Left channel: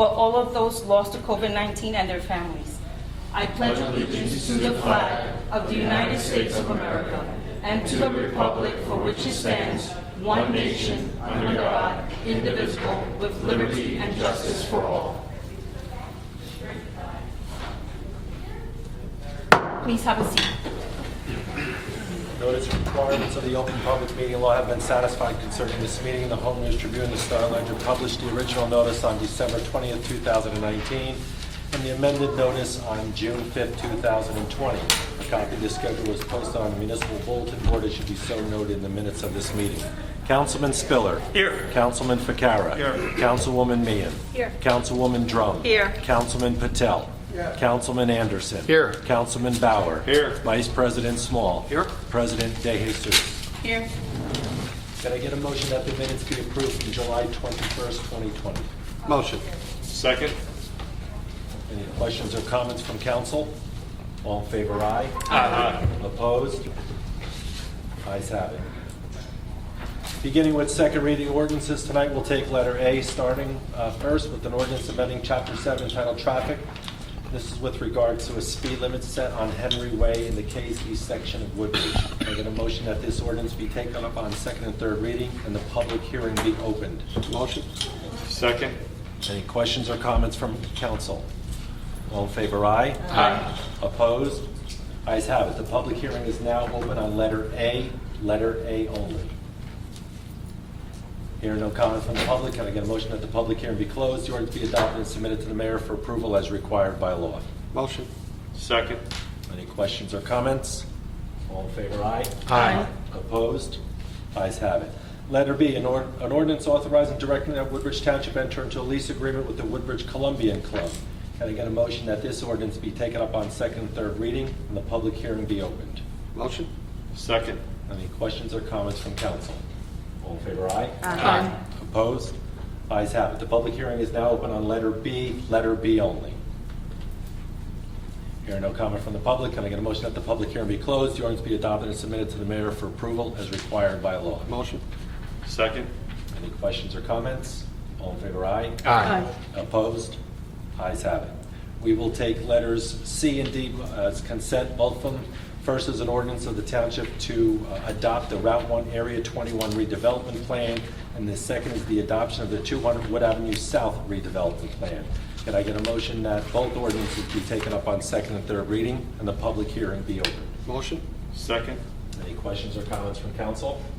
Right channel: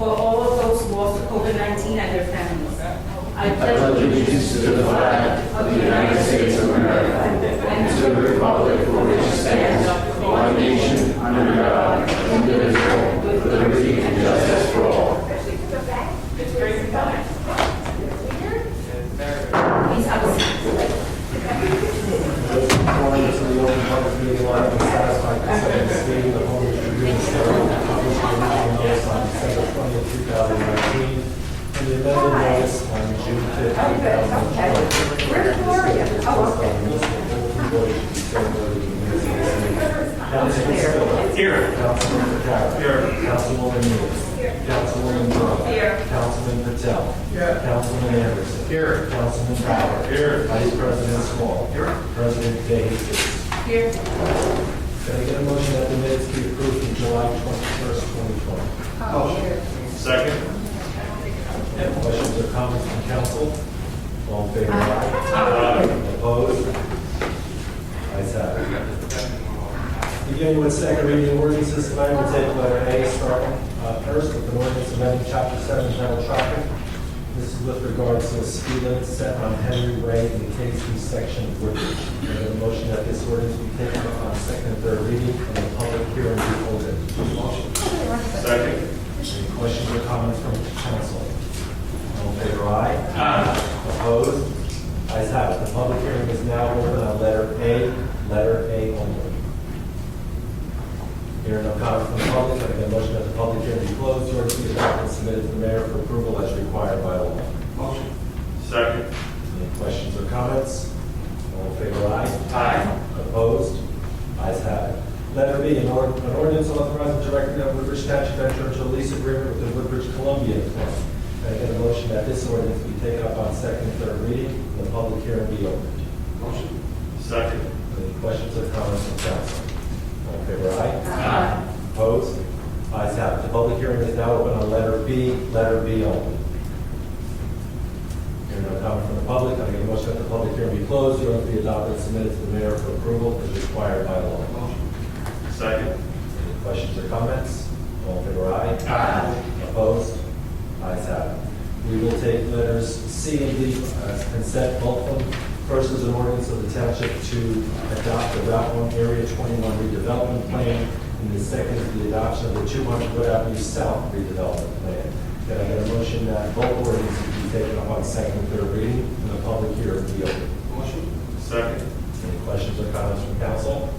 for all of those lost to COVID-19 and their families. I pledge allegiance to the flag of the United States of America and to the republic for which it stands, one nation, under God, indivisible, with liberty and justice for all. Please have a seat. Those who call into the open public meeting will have been satisfied concerning this meeting. The home Tribune started published the original notice on December 20th, 2019, and the amended notice on June 5th, 2020. This statement is posted on the municipal bulletin board. It should be circulated in the minutes of this meeting. Councilman Spiller. Here. Councilman Ficarra. Here. Councilwoman Mears. Here. Councilwoman Trump. Here. Councilman Patel. Here. Councilman Anderson. Here. Councilman Bauer. Here. Vice President Small. Here. President De Jesus. Here. Can I get a motion that the minutes be approved from July 21st, 2020? Motion. Second. Any questions or comments from council? All in favor, aye. Aye. Opposed? Ayes have it. Beginning with second reading ordinances, tonight we'll take letter A, starting first with an ordinance amending Chapter 7 entitled Traffic. This is with regards to a speed limit set on Henry Way in the K3 section of Woodbridge. I have a motion that this ordinance be taken up on second and third reading and the public hearing be opened. Motion. Second. Any questions or comments from council? All in favor, aye. Aye. Opposed? Ayes have it. The public hearing is now open on letter A only. Hearing no comment from the public, can I get a motion that the public hearing be closed, the ordinance be adopted and submitted to the mayor for approval as required by law? Motion. Second. Any questions or comments? All in favor, aye. Aye. Opposed? Ayes have it. Letter B, an ordinance authorizing directing that Woodbridge Township enter into a lease agreement with the Woodbridge Columbian Club. Can I get a motion that this ordinance be taken up on second and third reading and the public hearing be opened? Motion. Second. Any questions or comments from council? All in favor, aye. Aye. Opposed? Ayes have it. The public hearing is now open on letter B only. Hearing no comment from the public, can I get a motion that the public hearing be closed, the ordinance be adopted and submitted to the mayor for approval as required by law? Motion. Second. Any questions or comments? All in favor, aye. Aye. Opposed? Ayes have it. We will take letters C and D as consent, both of them. First is an ordinance of the township to adopt the Route 1 Area 21 redevelopment plan, and the second is the adoption of the 200 Wood Avenue South redevelopment plan. Can I get a motion that both ordinances be taken up on second and third reading, and the public hearing be open? Motion. Second. Any questions or comments from council?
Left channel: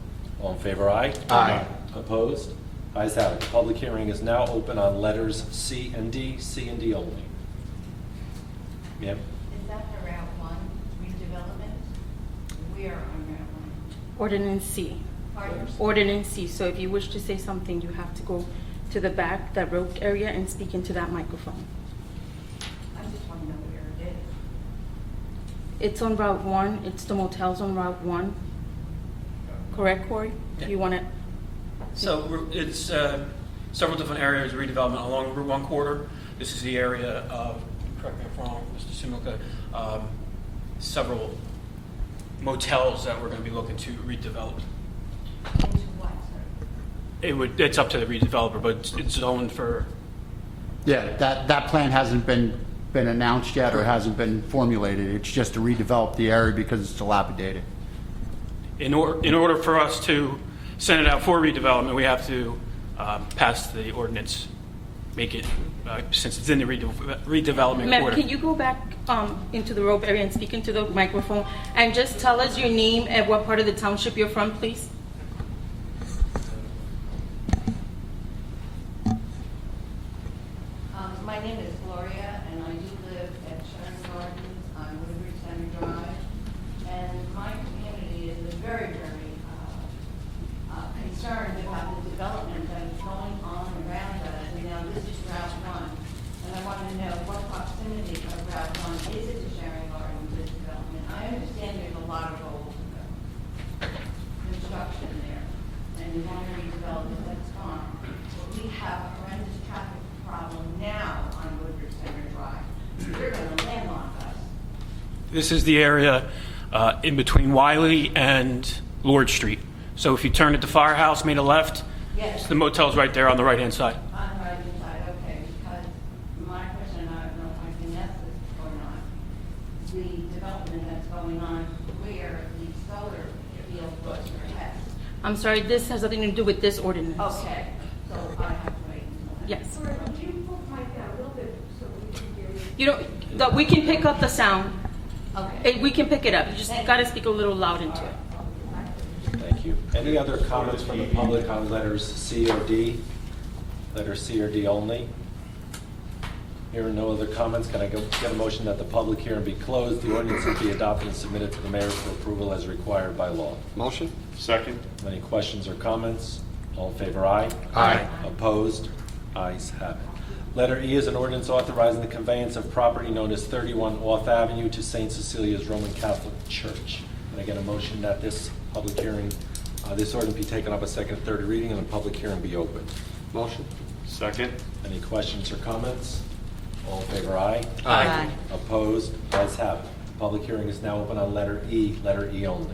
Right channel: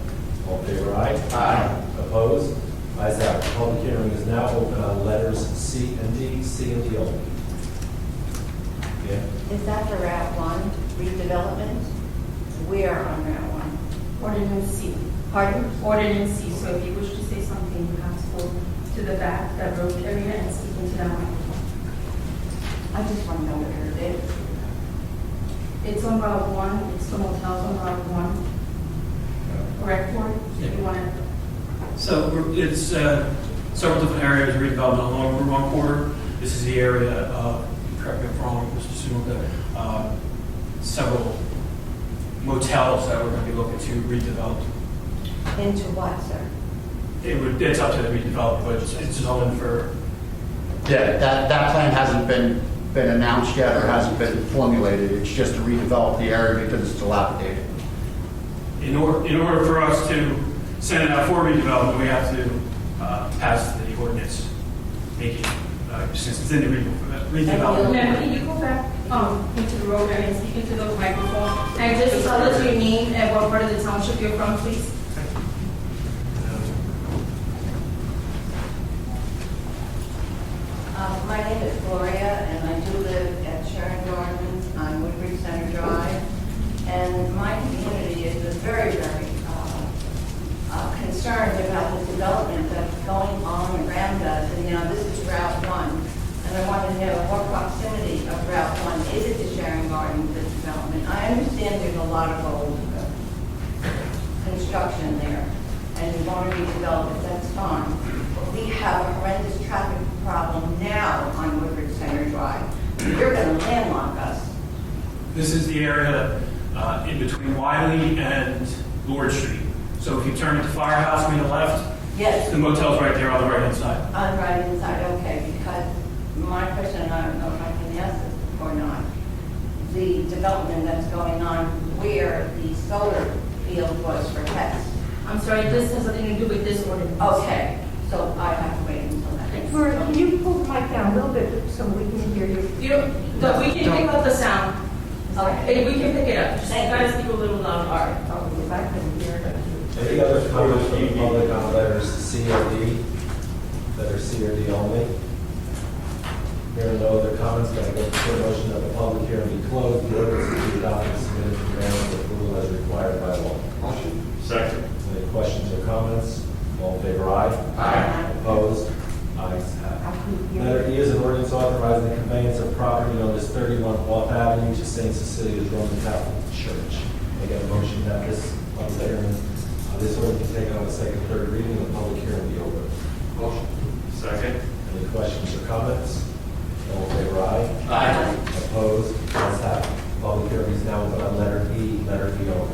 All in favor, aye. Aye. Opposed? Ayes have it. The public hearing is now open on letters C and D only. Yeah. Is that for Route 1 redevelopment? We are on Route 1. Ordinance C. Pardon? Ordinance C. So if you wish to say something, you have to go to the back, that road area, and speak into that microphone. I just want to know where it is. It's on Route 1. It's the motels on Route 1. Correct, Corey? Yeah. You want to? So it's several different areas of redevelopment along Route 1 corridor. This is the area of, correct me if I'm wrong, Mr. Sunoka, several motels that we're going to be looking to redevelop. Into what, sir? It's up to the redeveloper, but it's zoned for, Yeah, that plan hasn't been announced yet or hasn't been formulated. It's just to redevelop the area because it's dilapidated. in order for us to send it out for redevelopment, we have to pass the ordinance, make it, since it's in the redevelopment. Ma'am, can you go back into the road area and speak into the microphone? And just tell us your name and what part of the township you're from, please. My name is Gloria, and I do live at Sharon Gardens on Woodbridge Center Drive. And my community is very, very concerned about the development that's going on around us. And now this is Route 1. And I wanted to know more proximity of Route 1. Is it the Sharon Gardens, this development? I understand there's a lot of old construction there, and you want to redevelop it, that's fine. But we have a horrendous traffic problem now on Woodbridge Center Drive. You're going to landlock us. This is the area in between Wiley and Lord Street. So if you turn at the firehouse, made a left, Yes. The motel's right there on the right-hand side. On the right inside, okay, because my question, I don't know if I can ask this or not. The development that's going on where the solar field was for pets. I'm sorry, this has nothing to do with this ordinance. Okay, so I have to wait until that. Yes. Laura, can you pull the mic down a little bit so we can hear you? You don't, no, we can pick up the sound. Okay. We can pick it up. You just Thank gotta you. speak a little louder. All right. Oh, if I couldn't hear it. Thank you. Any other comments from the public on letters C or D? Letter C or D only? Here are no other comments. Can I go for a motion that the public hearing be closed, the ordinance be adopted and submitted to the mayor for approval as required by law? Motion. Second. Any questions or comments? All in favor, aye? Aye. Opposed? Ayes have it. Letter E is an ordinance authorizing the conveyance of property known as 31 Off Avenue to St. Cecilia's Roman Catholic Church. Can I get a motion that this public hearing, this ordinance be taken up a second and third reading and the public hearing be open? Motion. Second. Any questions or comments? All in favor, aye? Aye. Opposed? Ayes have it. Public hearing is now open on letter E only.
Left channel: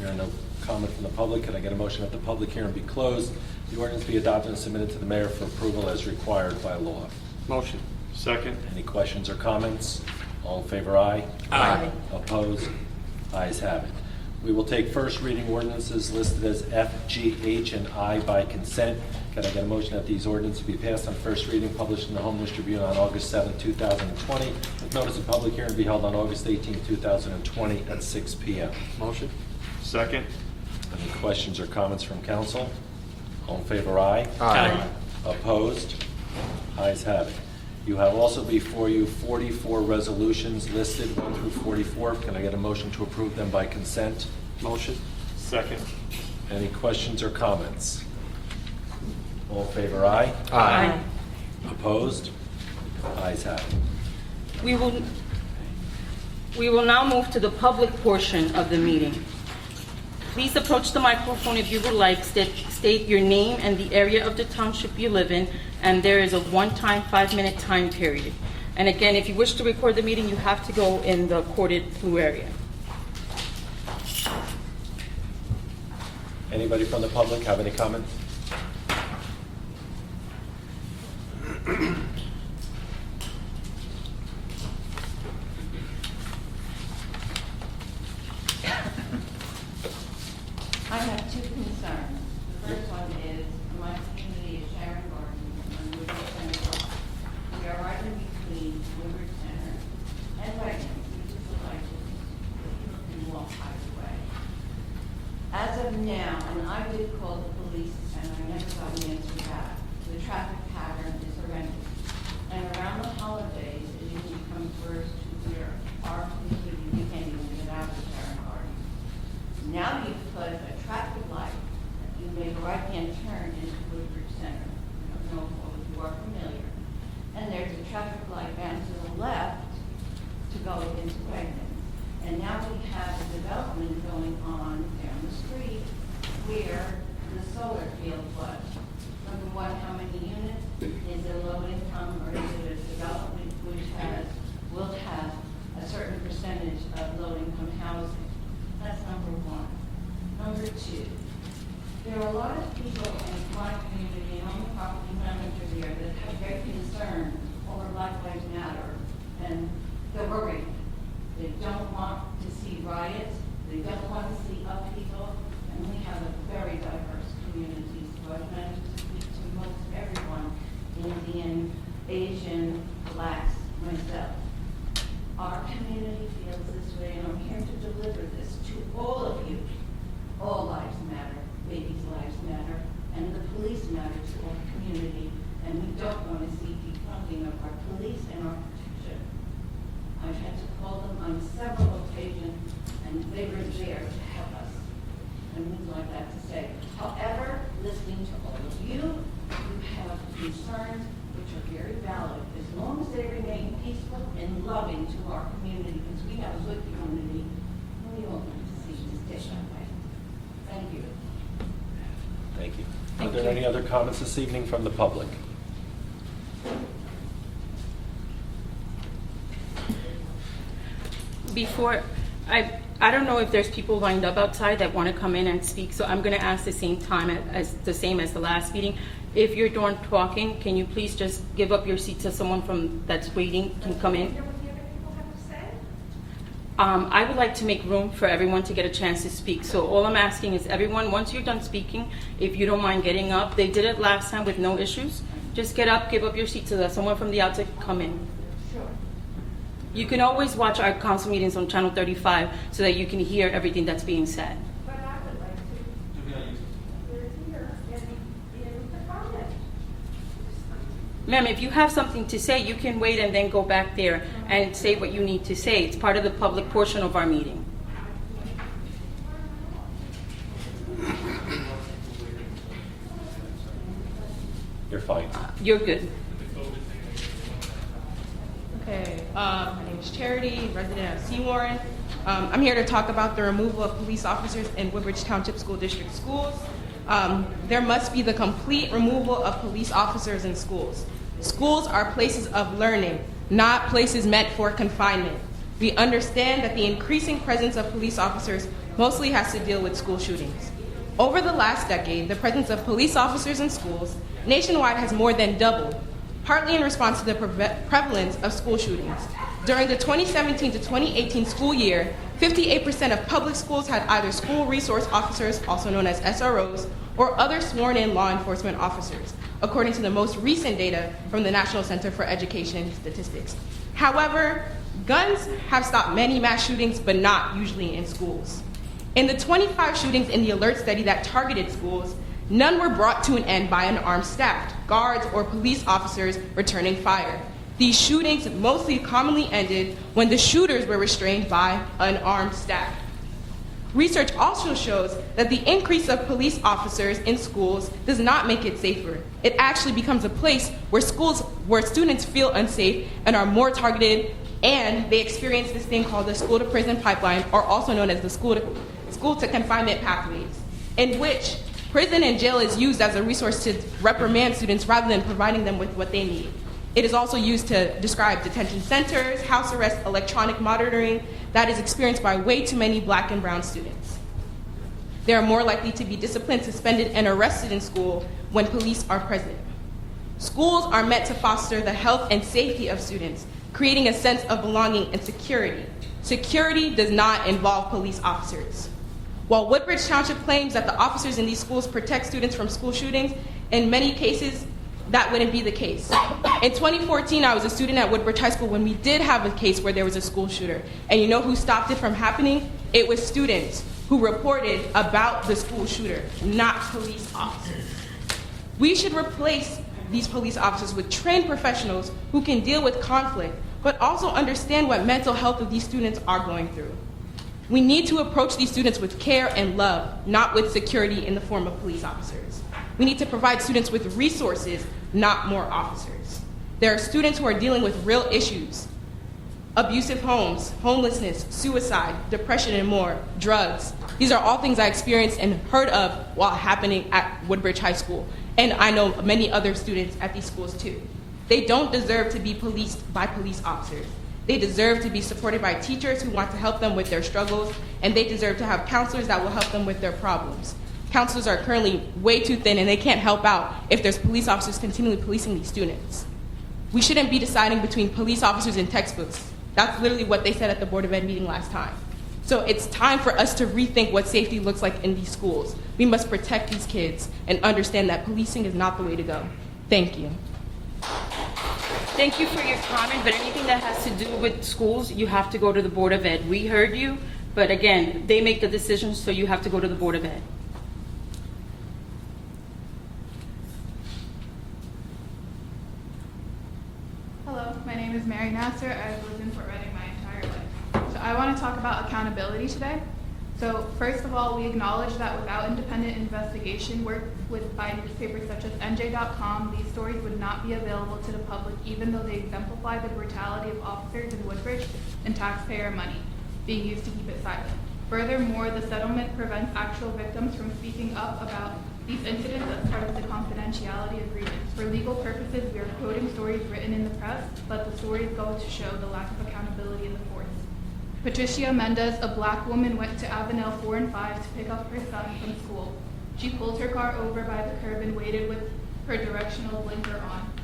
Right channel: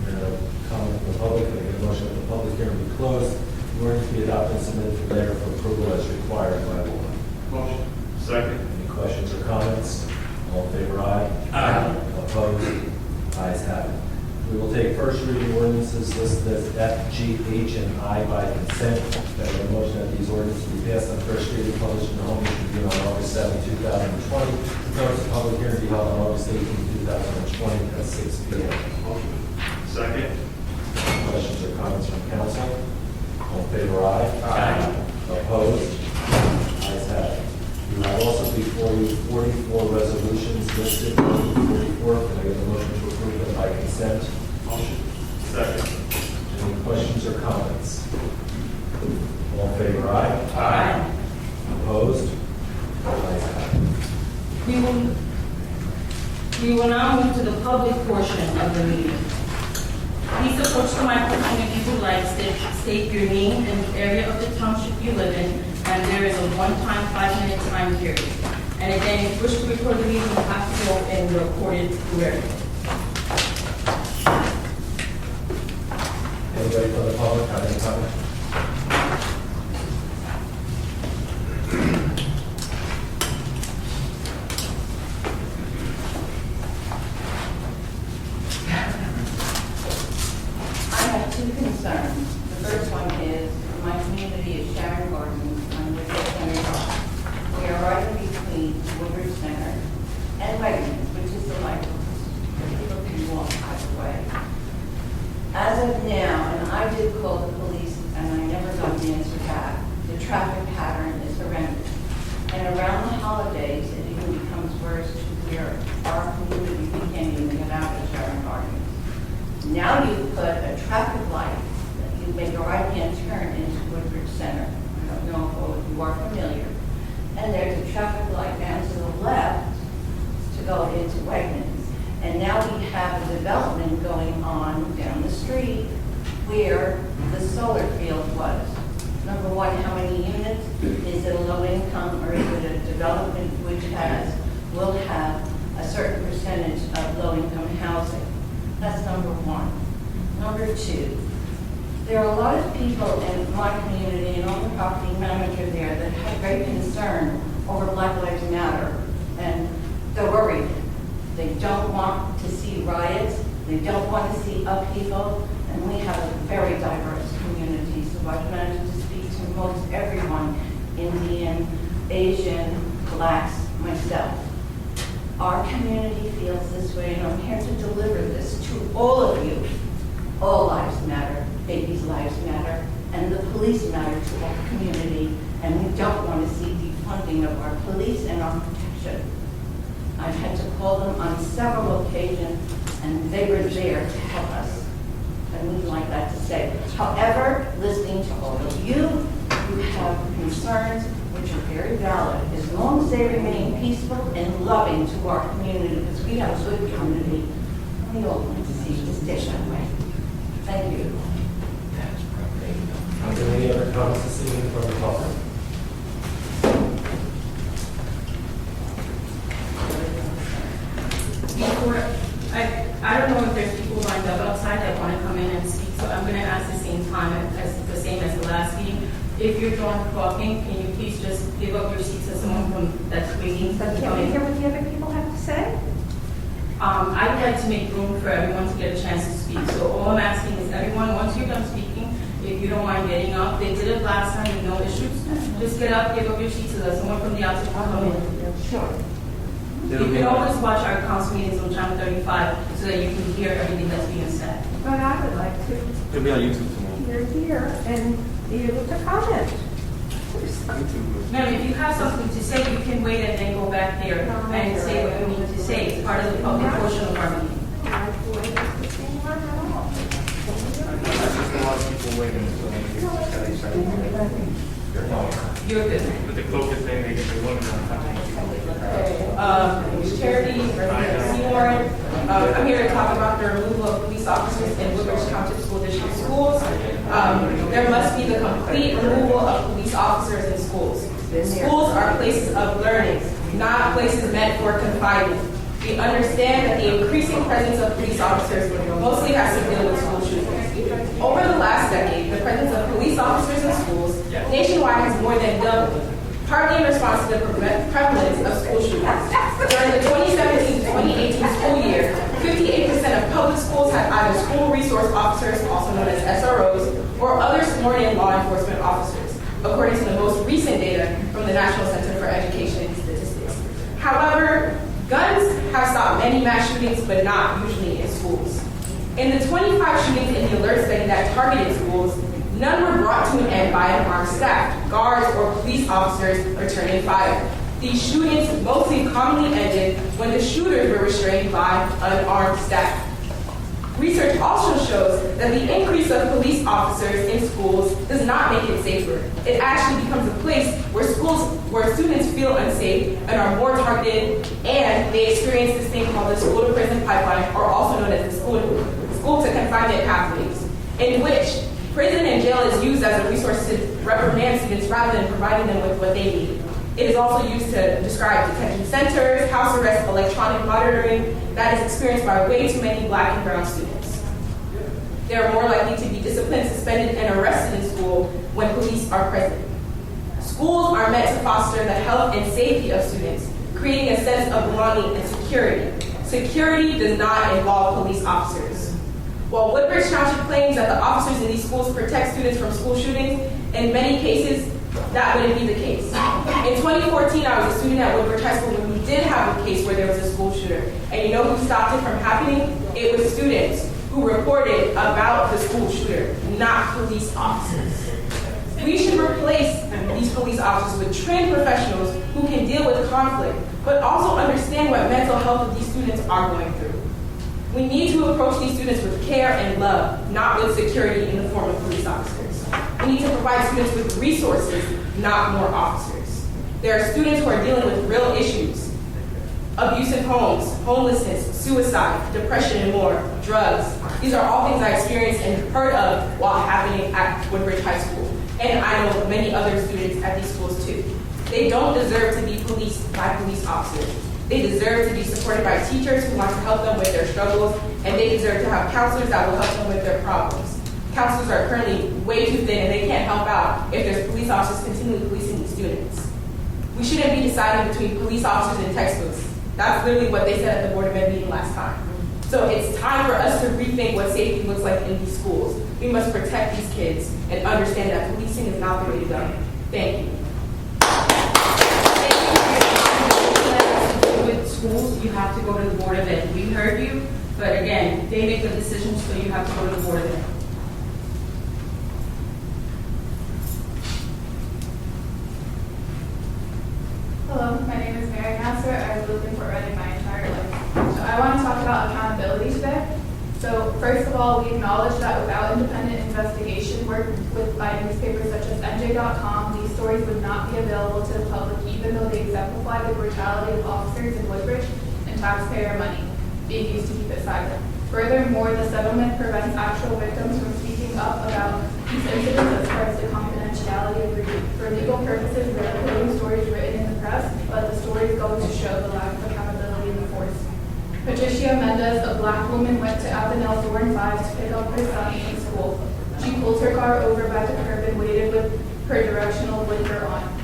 There are no comments from the public. Can I get a motion that the public hearing be closed, the ordinance be adopted and submitted to the mayor for approval as required by law? Motion. Second. Any questions or comments? All in favor, aye? Aye. Opposed? Ayes have it. We will take first reading ordinances listed as F, G, H, and I by consent. Can I get a motion that these ordinances be passed on first reading, published in the Home News Tribune on August 7, 2020. Notice of public hearing be held on August 18, 2020 at 6 p.m. Motion. Second. Questions or comments from council? All in favor, aye? Aye. Opposed? Ayes have it. You have also before you 44 resolutions listed, 44. Can I get a motion to approve them by consent? Motion. Second. Any questions or comments? All in favor, aye? Aye. Opposed? Ayes have it. We will now move to the public portion of the meeting. Please approach the microphone if you would like, state your name and the area of the township you live in, and there is a one-time 5-minute time period. And again, if you wish to record the meeting, you have to go in the recorded through area. Anybody from the public have any comment? I have two concerns. The first one is my community is Sharon Gardens on Woodbridge Township. We are right in between Woodbridge Center and Wegmans, which is the light where people can walk either way. As of now, and I did call the police and I never got an answer back, the traffic pattern is horrendous. And around the holidays, it even becomes worse to where our community can't even get out of Sharon Gardens. Now you put a traffic light, that you make a right-hand turn into Woodbridge Center. I don't know if all of you are familiar. And there's a traffic light down to the left to go into Wegmans. And now we have a development going on down the street where the solar field was. Number one, how many units? Is it a low income or is it a development which will have a certain percentage of low income housing? That's number one. Number two, there are a lot of people in my community and I'm the property manager there that have great concern over Black Lives Matter. And they're worried. They don't want to see riots. They don't want to see upheaval. And we have a very diverse community. So I've managed to speak to most everyone, Indian, Asian, blacks, myself. Our community feels this way, and I'm here to deliver this to all of you. All lives matter, babies' lives matter, and the police matter to our community, and we don't want to see defunding of our police and our protection. I've had to call them on several occasions, and they were there to help us. And we'd like that to say. However, listening to all of you, you have concerns which are very valid, as long as they remain peaceful and loving to our community, because we have a good community. We all want to see this dish that way. Thank you. Are there any other comments this evening from the public? Before, I don't know if there's people lined up outside that want to come in and speak, so I'm going to ask the same as the last meeting. If you're done talking, can you please just give up your seat to someone that's waiting to come Can we in? hear what the other people have to say? I would like to make room for everyone to get a chance to speak. So all I'm asking is everyone, once you're done speaking, if you don't mind getting up, they did it last time with no issues. Just get up, give up your seat so that someone from the outside can come in. Sure. You can always watch our council meetings on Channel 35 so that you can hear everything that's being said. But I would like to It'll be on YouTube tomorrow. hear and be able to comment. Ma'am, if you have something to say, you can wait and then go back there and say what you need to say. It's part of the public portion of our meeting. You're good. But the closest thing they want to Charity Seymour. I'm here to talk about the removal of police officers in Woodbridge Township School District schools. There must be the complete removal of police officers in schools. Schools are places of learning, not places meant for confinement. We understand that the increasing presence of police officers mostly has to deal with school shootings. Over the last decade, the presence of police officers in schools nationwide has more than doubled, partly in response to the prevalence of school shootings. During the 2017 to 2018 school year, 58% of public schools had either school resource officers, also known as SROs, or other sworn-in law enforcement officers, according to the most recent data from the National Center for Education Statistics. However, guns have stopped many mass shootings, but not usually in schools. In the 25 shootings in the alert study that targeted schools, none were brought to an end by an armed staff, guards, or police officers returning fire. These shootings mostly commonly ended when the shooters were restrained by unarmed staff. Research also shows that the increase of police officers in schools does not make it safer. It actually becomes a place where students feel unsafe and are more targeted, and they experience this thing called the school-to-prison pipeline, or also known as the school-to-confinement pathways, in which prison and jail is used as a resource to reprimand students rather than providing them with what they need. It is also used to describe detention centers, house arrest, electronic monitoring that is experienced by way too many Black and brown students. They are more likely to be disciplined, suspended, and arrested in school when police are present. Schools are meant to foster the health and safety of students, creating a sense of belonging and security. Security does not involve police officers. While Woodbridge Township claims that the officers in these schools protect students from school shootings, in many cases, that wouldn't be the case. In 2014, I was a student at Woodbridge High School when we did have a case where there was a school shooter. And you know who stopped it from happening? It was students who reported about the school shooter, not police officers. We should replace these police officers with trained professionals who can deal with conflict, but also understand what mental health of these students are going through. We need to approach these students with care and love, not with security in the form of police officers. We need to provide students with resources, not more officers. There are students who are dealing with real issues: abusive homes, homelessness, suicide, depression, and more, drugs. These are all things I experienced and heard of while happening at Woodbridge High School. And I know many other students at these schools too. They don't deserve to be policed by police officers. They deserve to be supported by teachers who want to help them with their struggles, and they deserve to have counselors that will help them with their problems. Counselors are currently way too thin, and they can't help out if there's police officers continually policing these students. We shouldn't be deciding between police officers and textbooks. That's literally what they said at the Board of Ed meeting last time. So it's time for us to rethink what safety looks like in these schools. We must protect these kids and understand that policing is not the way to go. Thank you. Thank you for your time. But anything that has to do with schools, you have to go to the Board of Ed. We heard you, but again, they make the decisions, so you have to go to the Board of Ed. Hello, my name is Mary Nasser. I've lived in Fort Reading my entire life. So I want to talk about accountability today. So first of all, we acknowledge that without independent investigation work by newspapers such as NJ.com, these stories would not be available to the public, even though they exemplify the brutality of officers in Woodbridge and taxpayer money being used to keep it silent. Furthermore, the settlement prevents actual victims from speaking up about these incidents as far as the confidentiality agreement. For legal purposes, we're including stories written in the press, but the stories go to show the lack of accountability in the force. Patricia Mendez, a black woman, went to Avenel Thorn 5 to pick up her son from school. She pulled her car over by the curb and waited with her directional blinker on.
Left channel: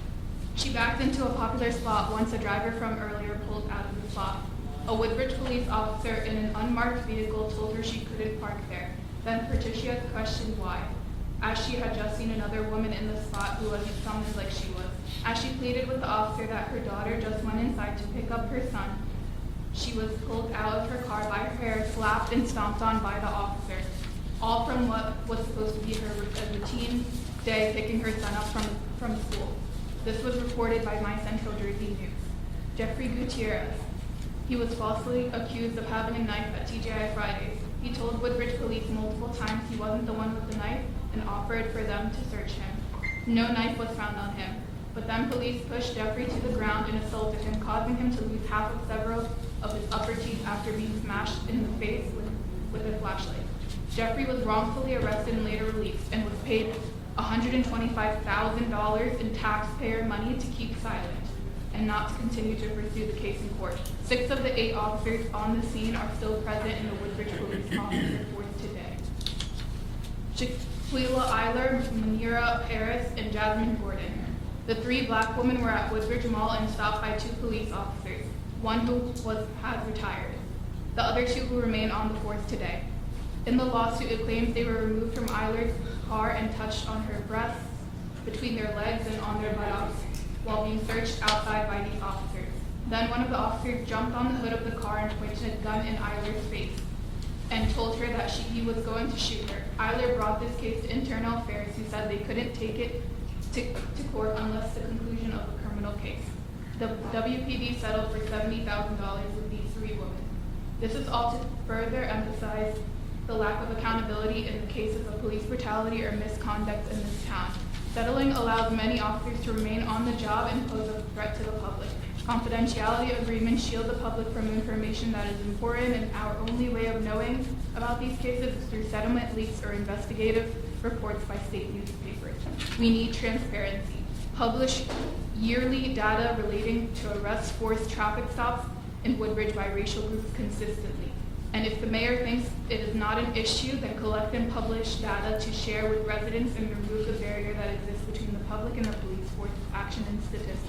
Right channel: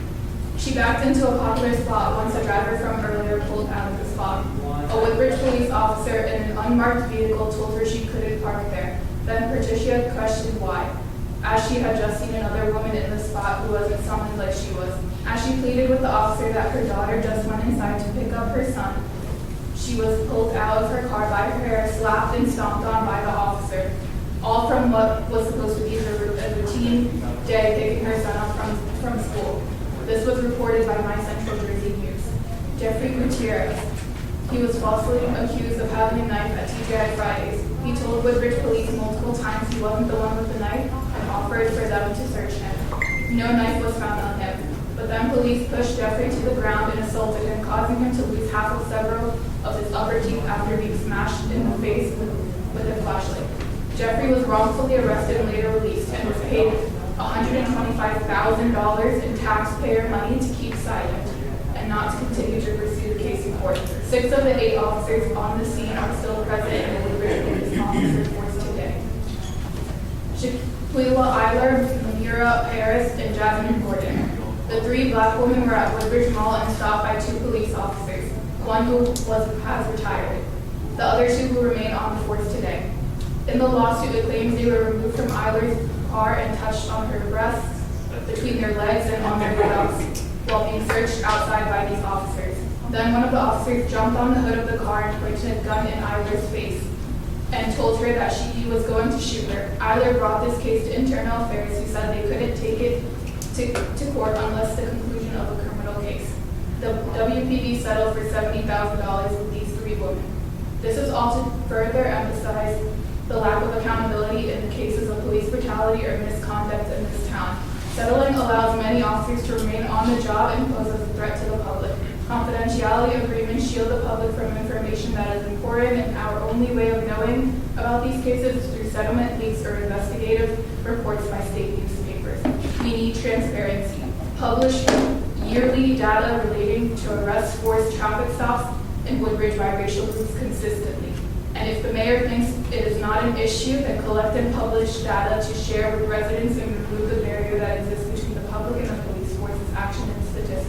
She backed into a popular spot once a driver from earlier pulled out of the spot. A Woodbridge police officer in an unmarked vehicle told her she couldn't park there. Then Patricia questioned why, as she had just seen another woman in the spot who wasn't summoned like she was. As she pleaded with the officer that her daughter just went inside to pick up her son, she was pulled out of her car by her hair, slapped and stomped on by the officer, all from what was supposed to be her routine day picking her son up from school. This was reported by My Central Jersey News. Jeffrey Gutierrez. He was falsely accused of having a knife at TGI Fridays. He told Woodbridge police multiple times he wasn't the one with the knife and offered for them to search him. No knife was found on him. But then police pushed Jeffrey to the ground and assaulted him, causing him to lose half of several of his upper teeth after being smashed in the face with a flashlight. Jeffrey was wrongfully arrested and later released and was paid $125,000 in taxpayer money to keep silent and not to continue to pursue the case in court. 6 of the 8 officers on the scene are still present in the Woodbridge Police Office reports today. Chiquila Eiler, Mahira Harris, and Jasmine Gordon. The 3 black women were at Woodbridge Mall and stopped by 2 police officers. One who has retired. The other 2 who remain on the force today. In the lawsuit, it claims they were removed from Eiler's car and touched on her breasts, between their legs, and on their buttocks while being searched outside by these officers. Then one of the officers jumped on the hood of the car and pointed a gun in Eiler's face and told her that he was going to shoot her. Eiler brought this case to Internal Affairs, who said they couldn't take it to court unless the conclusion of a criminal case. The WPD settled for $70,000 with these 3 women. This is all to further emphasize the lack of accountability in the cases of police brutality or misconduct in this town. Settling allows many officers to remain on the job and pose a threat to the public. Confidentiality agreements shield the public from information that is important, and our only way of knowing about these cases is through settlement leaks or investigative reports by state newspapers. We need transparency. Publish yearly data relating to arrests, forced traffic stops, and Woodbridge by racial groups consistently. And if the mayor thinks it is not an issue, then collect and publish data to share with residents and remove the barrier that exists between the public and the police force's action and statistics.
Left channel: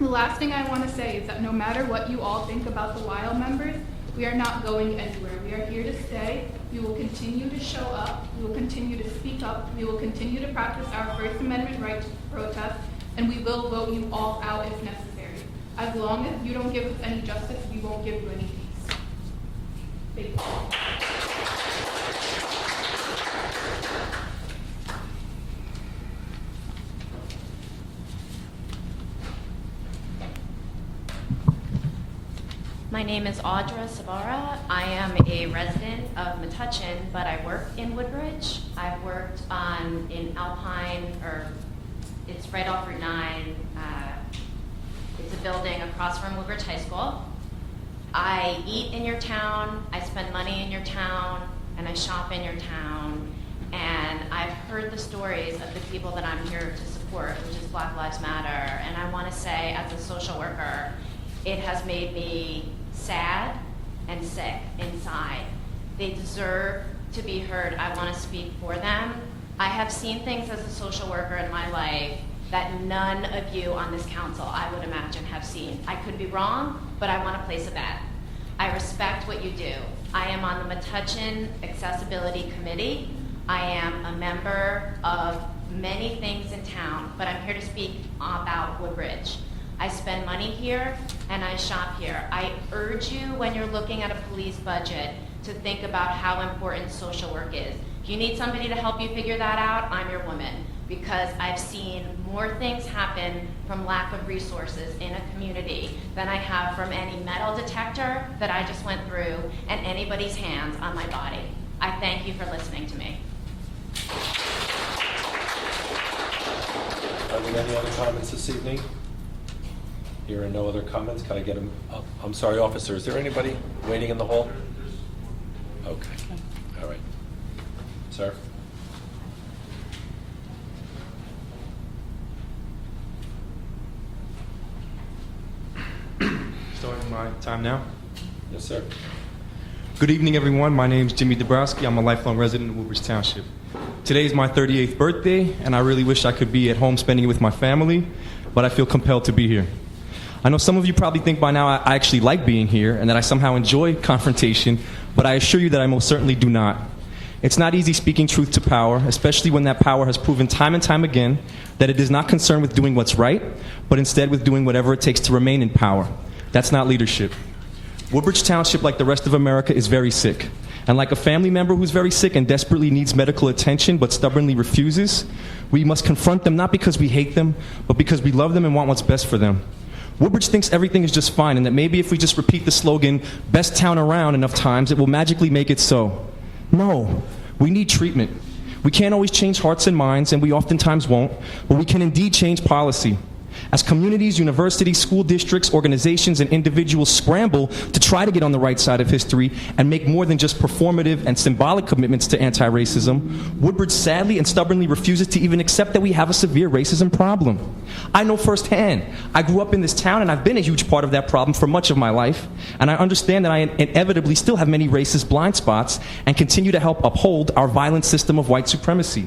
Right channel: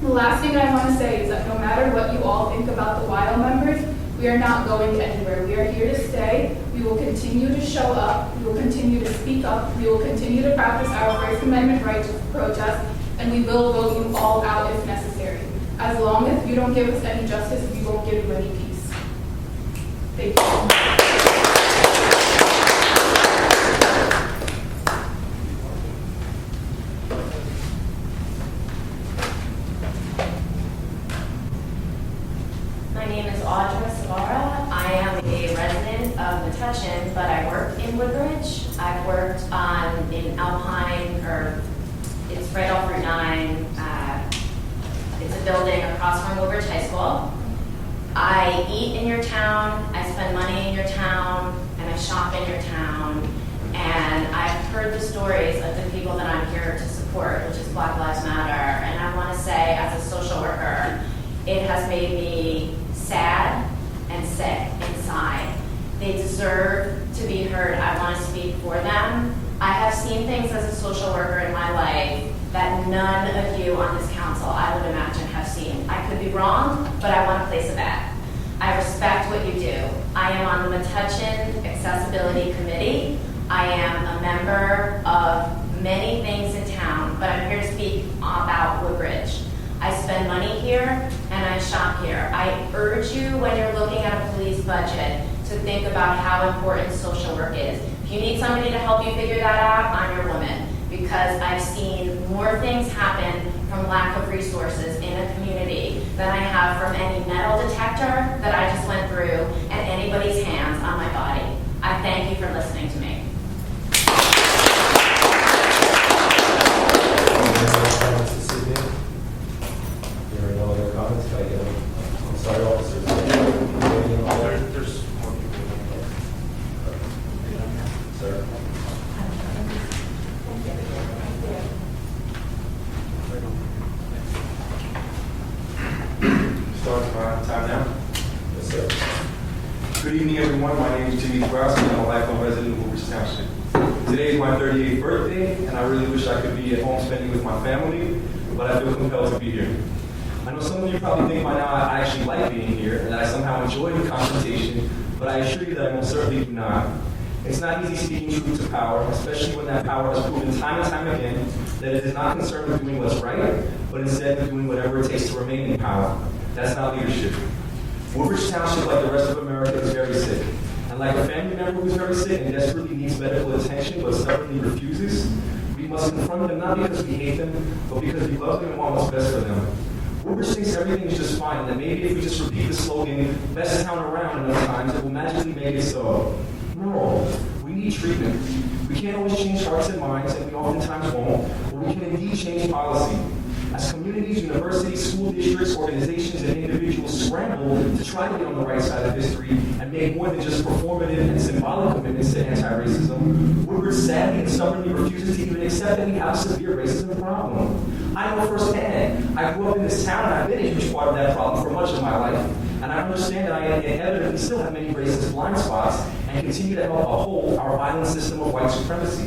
The last thing I want to say is that no matter what you all think about the WILE members, we are not going anywhere. We are here to stay. We will continue to show up. We will continue to speak up. We will continue to practice our First Amendment right to protest, and we will vote you all out if necessary. As long as you don't give us any justice, we won't give you any peace. Thank you. My name is Audra Savara. I am a resident of Metuchen, but I work in Woodbridge. I've worked in Alpine, it's right off Route 9. It's a building across from Woodbridge High School. I eat in your town, I spend money in your town, and I shop in your town. And I've heard the stories of the people that I'm here to support, which is Black Lives Matter. And I want to say, as a social worker, it has made me sad and sick inside. They deserve to be heard. I want to speak for them. I have seen things as a social worker in my life that none of you on this council, I would imagine, have seen. I could be wrong, but I want to place a bet. I respect what you do. I am on the Metuchen Accessibility Committee. I am a member of many things in town, but I'm here to speak about Woodbridge. I spend money here and I shop here. I urge you, when you're looking at a police budget, to think about how important social work is. If you need somebody to help you figure that out, I'm your woman, because I've seen more things happen from lack of resources in a community than I have from any metal detector that I just went through and anybody's hands on my body. I thank you for listening to me. Any other comments this evening? There are no other comments. Can I get them? I'm sorry, officers. Is there anybody remaining in the hall? There's more people. All right. Sir? Starting around time now. Yes, Good evening, everyone. My name is Jimmy Dabrowski. I'm a lifelong resident of Woodbridge Township. Today is my 38th birthday, and I really wish I could be at home spending it with my family, but I feel compelled to be here. I know some of you probably think by now I actually like being here and that I somehow enjoy confrontation, but I assure you that I most certainly do not. It's not easy speaking truth to power, especially when that power has proven time and time again that it is not concerned with doing what's right, but instead with doing whatever it takes to remain in power. That's not leadership. Woodbridge Township, like the rest of America, is very sick. And like a family member who's very sick and desperately needs medical attention but stubbornly refuses, we must confront them not because we hate them, but because we love them and want what's best for them. Woodbridge thinks everything is just fine and that maybe if we just repeat the slogan, "best town around," enough times, it will magically make it so. No, we need treatment. We can't always change hearts and minds, and we oftentimes won't, but we can indeed change policy. As communities, universities, school districts, organizations, and individuals scramble to try to get on the right side of history and make more than just performative and symbolic commitments to anti-racism, Woodbridge sadly and stubbornly refuses to even accept that we have a severe racism problem. I know firsthand. I grew up in this town, and I've been a huge part of that problem for much of my life, and I understand that I inevitably still have many racist blind spots and continue to help uphold our violent system of white supremacy.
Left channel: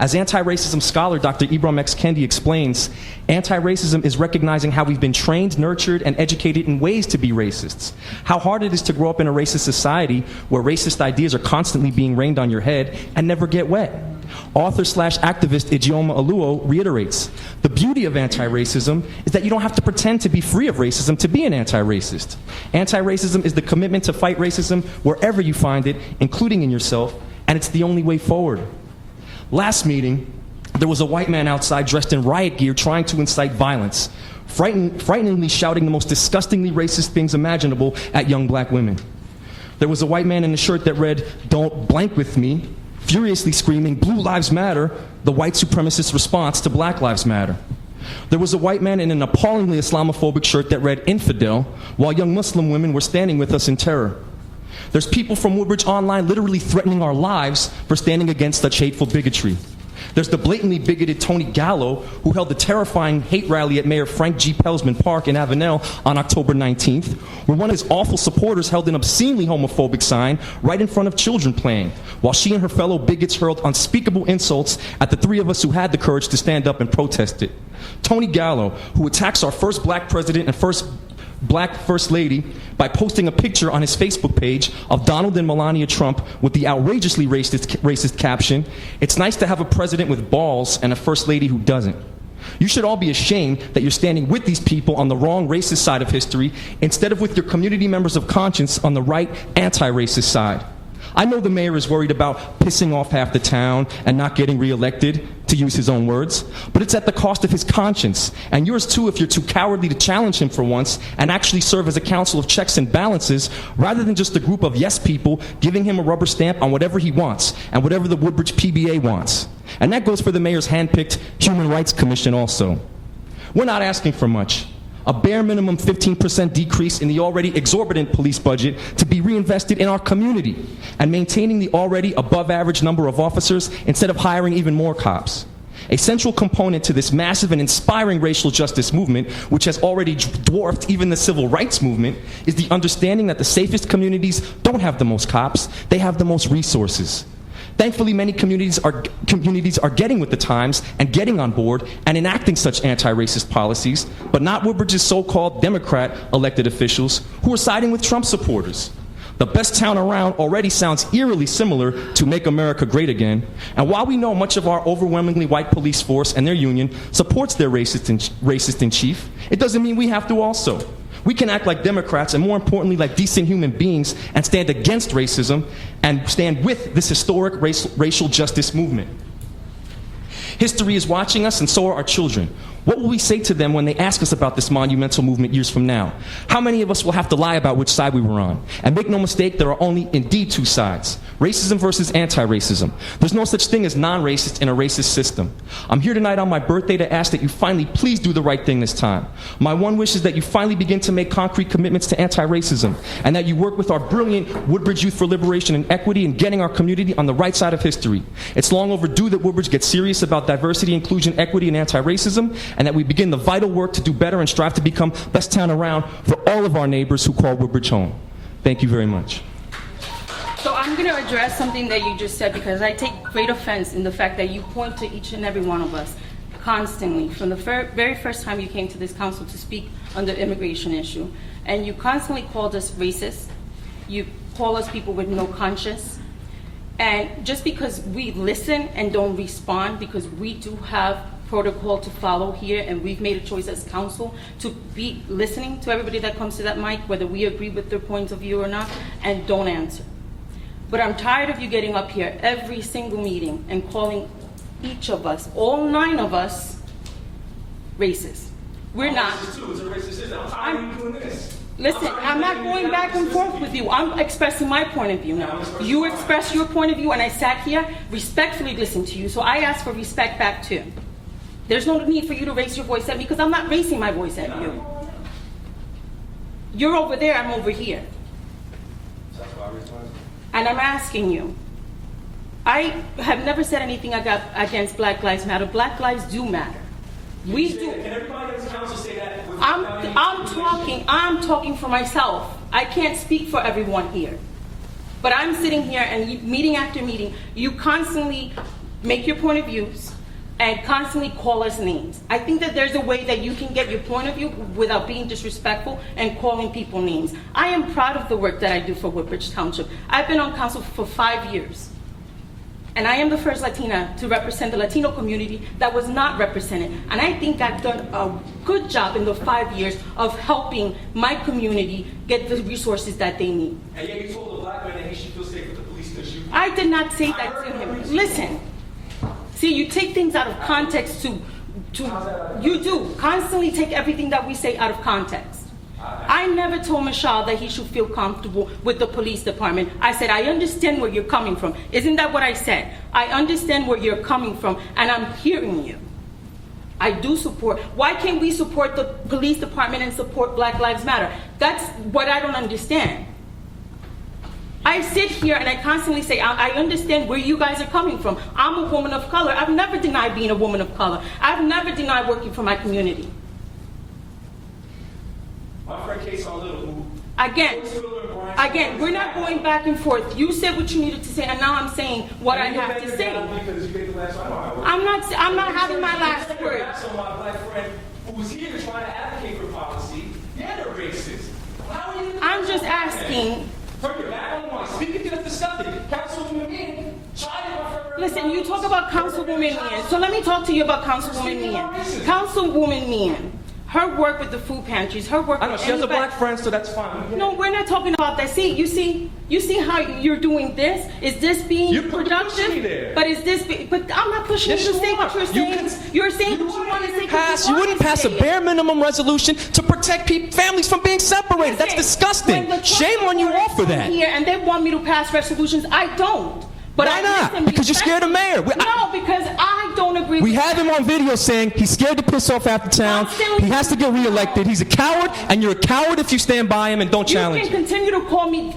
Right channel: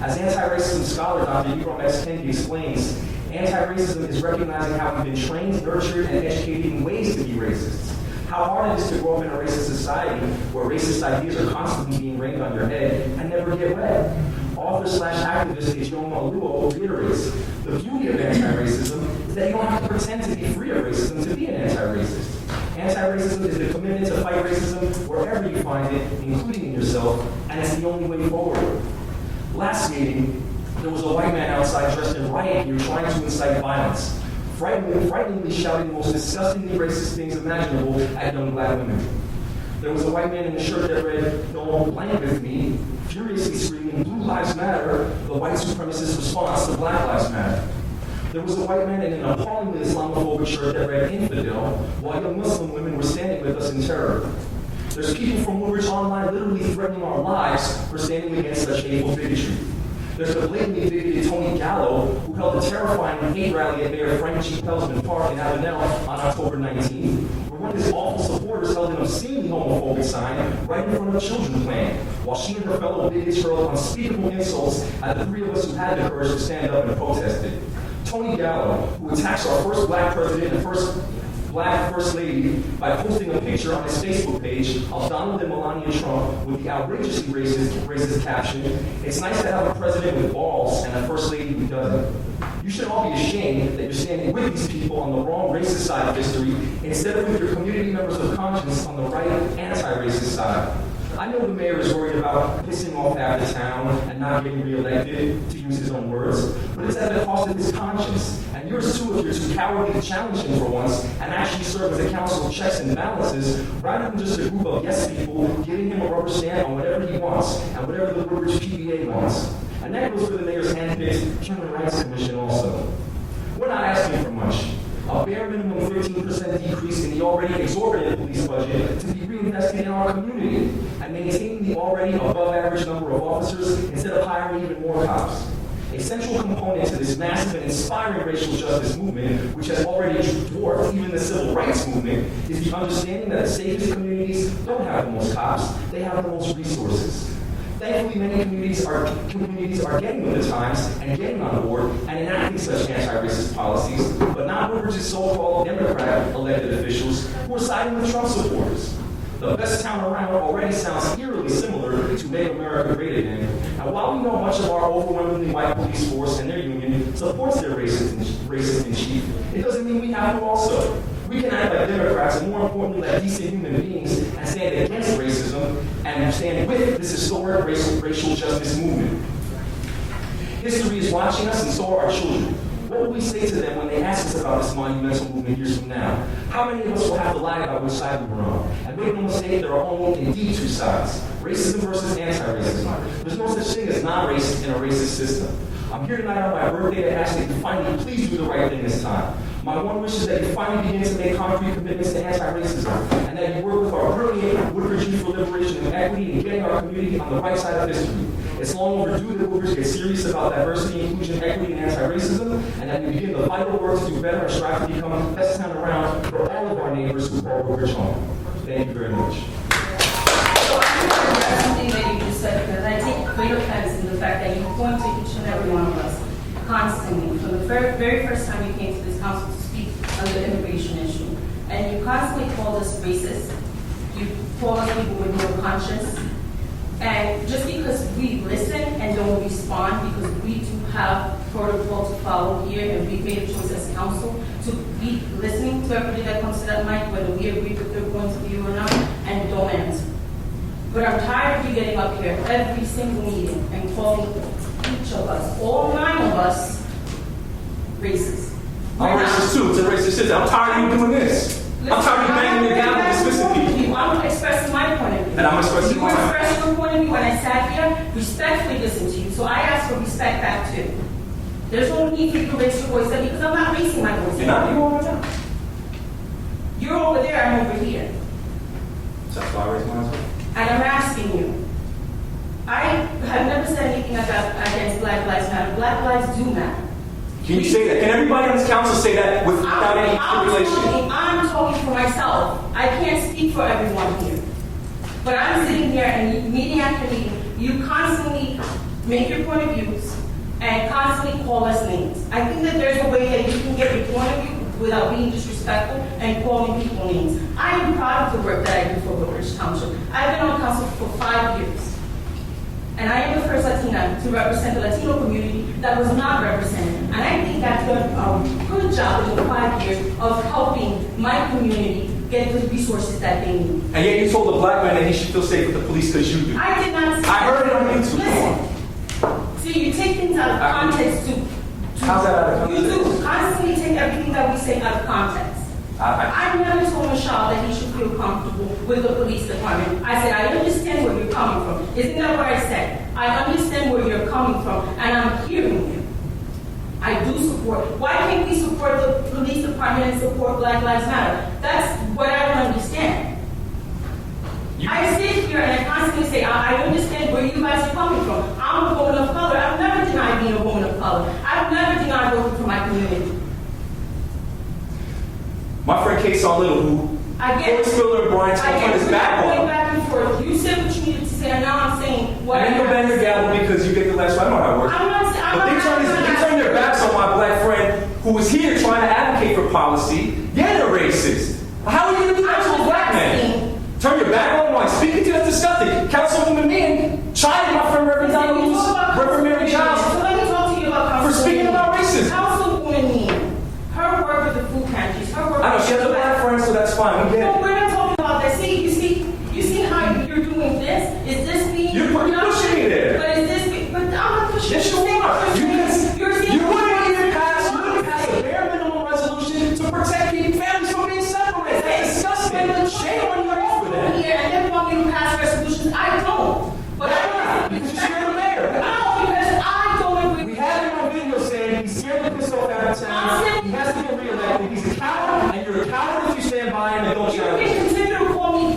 As anti-racism scholar Dr. Ibram X. Kendi explains, anti-racism is recognizing how we've been trained, nurtured, and educated in ways to be racists. How hard it is to grow up in a racist society where racist ideas are constantly being rained on your head and never get wet. Author/activist Ijeoma Oluo reiterates, the beauty of anti-racism is that you don't have to pretend to be free of racism to be an anti-racist. Anti-racism is the commitment to fight racism wherever you find it, including in yourself, and it's the only way forward. Last meeting, there was a white man outside dressed in riot gear trying to incite violence, frighteningly shouting the most disgustingly racist things imaginable at young black women. There was a white man in a shirt that read, "Don't blank with me," furiously screaming, "Blue Lives Matter," the white supremacist response to Black Lives Matter. There was a white man in an appallingly Islamophobic shirt that read, "Infidel," while young Muslim women were standing with us in terror. There's people from Woodbridge Online literally threatening our lives for standing against such hateful bigotry. There's the blatantly bigoted Tony Gallo, who held a terrifying hate rally at Mayor Frank G. Pelsman Park in Avenel on October 19th, where one of his awful supporters held an obscenely homophobic sign right in front of children playing, while she and her fellow bigots hurled unspeakable insults at the three of us who had the courage to stand up and protest it. Tony Gallo, who attacks our first black president and first black first lady by posting a picture on his Facebook page of Donald and Melania Trump with the outrageously racist caption, "It's nice to have a president with balls and a first lady who doesn't." You should all be ashamed that you're standing with these people on the wrong racist side of history instead of with your community members of conscience on the right anti-racist side. I know the mayor is worried about pissing off half the town and not getting reelected, to use his own words, but it's at the cost of his conscience, and yours too if you're too cowardly to challenge him for once and actually serve as a council of checks and balances rather than just a group of yes people giving him a rubber stamp on whatever he wants and whatever the Woodbridge PBA wants. And that goes for the mayor's hand-picked Human Rights Commission also. We're not asking for much. A bare minimum 15% decrease in the already exorbitant police budget to be reinvested in our community and maintaining the already above average number of officers instead of hiring even more cops. A central component to this massive and inspiring racial justice movement, which has already dwarfed even the civil rights movement, is the understanding that the safest communities don't have the most cops, they have the most resources. Thankfully, many communities are getting with the times and getting on board and enacting such anti-racist policies, but not Woodbridge's so-called Democrat elected officials who are siding with Trump supporters. The best town around already sounds eerily similar to Make America Great Again, and while we know much of our overwhelmingly white police force and their union supports their racist in chief, it doesn't mean we have to also. We can act like Democrats and more importantly like decent human beings and stand against racism and stand with this historic racial justice movement. History is watching us and so are our children. What will we say to them when they ask us about this monumental movement years from now? How many of us will have to lie about which side we were on? And make no mistake, there are only indeed two sides. Racism versus anti-racism. There's no such thing as non-racist in a racist system. I'm here tonight on my birthday to ask that you finally please do the right thing this time. My one wish is that you finally begin to make concrete commitments to anti-racism and that you work with our brilliant Woodbridge Youth for Liberation and Equity in getting our community on the right side of history. It's long overdue that Woodbridge gets serious about diversity, inclusion, equity, and anti-racism, and that we begin the vital work to do better and strive to become best town around for all of our neighbors who call Woodbridge home. Thank you very much. in the fact that you point to each and every one of us constantly, from the very first time you came to this council to speak on the immigration issue. And you constantly called us racist. You call us people with no conscience. And just because we listen and don't respond, because we do have protocol to follow here, and we've made a choice as council to be listening to everybody that comes to that mic, whether we agree with their points of view or not, and don't answer. But I'm tired of you getting up here every single meeting and calling each of us, all 9 of us, racist. We're I'm not. racist too. It's a racist system. I'm tired of you doing this. Listen, I'm tired of you I'm not banging me going down back and and dismissing forth with people. you. I'm expressing my point of view. And I'm expressing You mine. express your point of view when I sat here, respectfully listened to you. So I ask for respect back too. There's no need for you to raise your voice up because I'm not raising my voice You're not. up. You are right now. You're over there, I'm over here. So that's why I raised mine as well. And I'm asking you, I have never said anything against Black Lives Matter. Black lives do matter. Can you say that? Can everybody on this council say that without any stipulation? I'm talking for myself. I can't speak for everyone here. But I'm sitting here and meeting after meeting, you constantly make your point of views and constantly call us names. I think that there's a way that you can get your point of view without being disrespectful and calling people names. I am proud of the work that I do for Woodbridge Township. I've been on council for 5 years. And I am the first Latina to represent the Latino community that was not represented. And I think I've done a good job in the 5 years of helping my community get the resources that they need. And yet you told a black man that he should feel safe with the police because you do. I did not say I heard it on YouTube. Listen. See, you take things out of context to How's that out of you context? do constantly take everything that we say out of context. I never told Michelle that he should feel comfortable with the police department. I said, I understand where you're coming from. Isn't that what I said? I understand where you're coming from, and I'm hearing you. I do support. Why can't we support the police department and support Black Lives Matter? That's what I don't understand. I sit here and I constantly say, I understand where you guys are coming from. I'm a woman of color. I've never denied being a woman of color. I've never denied working for my community. My friend Kason Little, who Again, Phyllis Spiller and Brian Smith on we're his not back going on. back and forth. You said what you needed to say, and now I'm saying what I And you have bend to your say. gavel because you get the last one. I don't know how it works. I'm not But having my they last turn their word. backs on my black friend who was here trying to advocate for policy. Yeah, they're racist. How are you going to do that I'm to a just black man? asking. Turn your back on why? Speaking to that's disgusting. Councilwoman Meehan tried my friend Listen, you talk about Councilwoman Meehan. So let me talk to you about For Councilwoman speaking Meehan. about racism. Councilwoman Meehan, her work with the food pantries, her work I know with she has a black friend, so that's fine. We get No, it. we're not talking about that. See, you see how you're doing this? Is this being You're pushing me there. But is this being, but I'm not pushing you. Yes, You're you saying what are. you're saying. You're saying You wouldn't pass a bare minimum resolution to protect families from being separated. That's disgusting. Shame on you all for that. Here, and they want me to pass resolutions. I don't. But Why not? Because you're scared of mayor. No, because I don't agree. We with have him on video saying he's scared to piss off half the town. He has to get reelected. He's a coward, and you're a coward if you stand by him and don't You challenge can him. continue to call me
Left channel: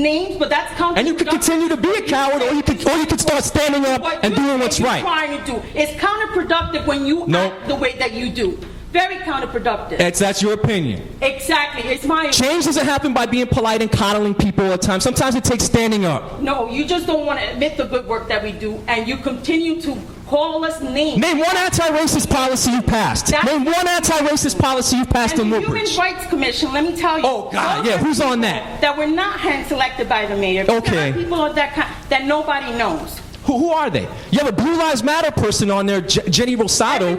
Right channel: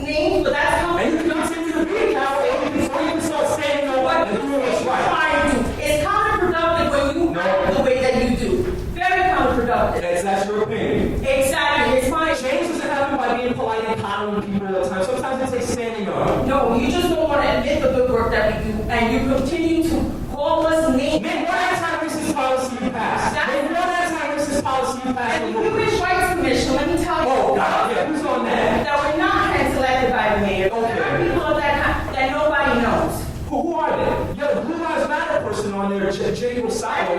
names, but that's counterproductive. And you can continue to be a coward, or you can start standing up and doing what's right. Trying to do. It's counterproductive when you No. act the way that you do. Very counterproductive. That's your opinion. Exactly. It's my Change doesn't happen by being polite and coddling people all the time. Sometimes it takes standing up. No, you just don't want to admit the good work that we do, and you continue to call us names. Name one anti-racist policy you passed. Name one anti-racist policy you passed in And the Human Woodbridge. Rights Commission, let me tell you. Oh, God, yeah, who's on that? That were not hand-selected by the mayor. Okay. There are people of that nobody knows. Who are they? You have a Blue Lives Matter person on there, Jenny Rosado.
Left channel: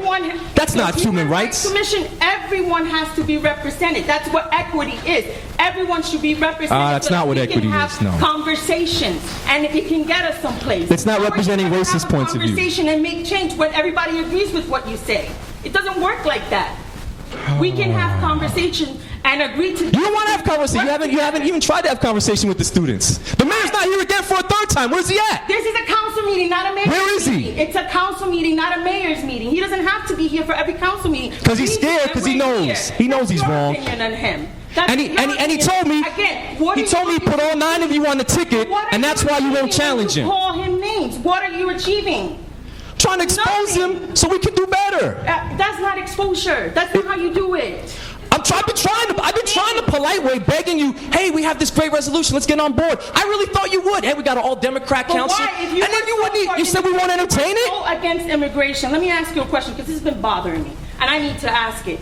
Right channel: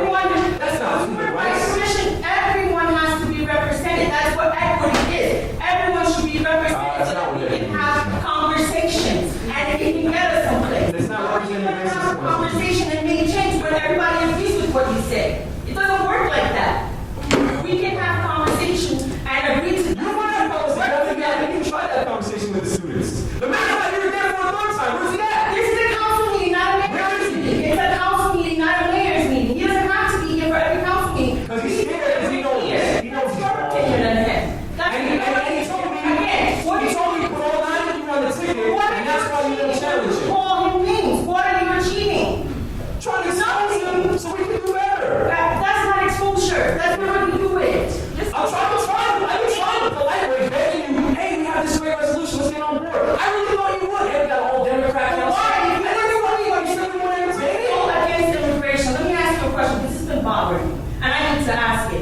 That's not human rights. Commission, everyone has to be represented. That's what equity is. Everyone should be represented. That's not what equity We can is, have no. conversations, and it can get us someplace. It's not representing racist Have a points of view. Conversation and make change when everybody agrees with what you say. It doesn't work like that. We can have conversations and agree to. You don't want to have conversation. You haven't even tried to have conversation with the students. The mayor's not here again for a third time. Where's he at? This is a council meeting, not a mayor's Where is he? meeting. It's a council meeting, not a mayor's meeting. He doesn't have to be here for every council meeting. Because he's scared, because he knows. He knows he's wrong. And he told me, he put all 9 of you on the ticket, and that's why you won't challenge him. Call him names. What are you achieving? Trying to expose him so we can do better. That's not exposure. That's not how you do it. I've been trying the polite way, begging you, hey, we have this great resolution, let's get on board. I really thought you would. Hey, we got an all-Democrat council. why? And then you said we won't entertain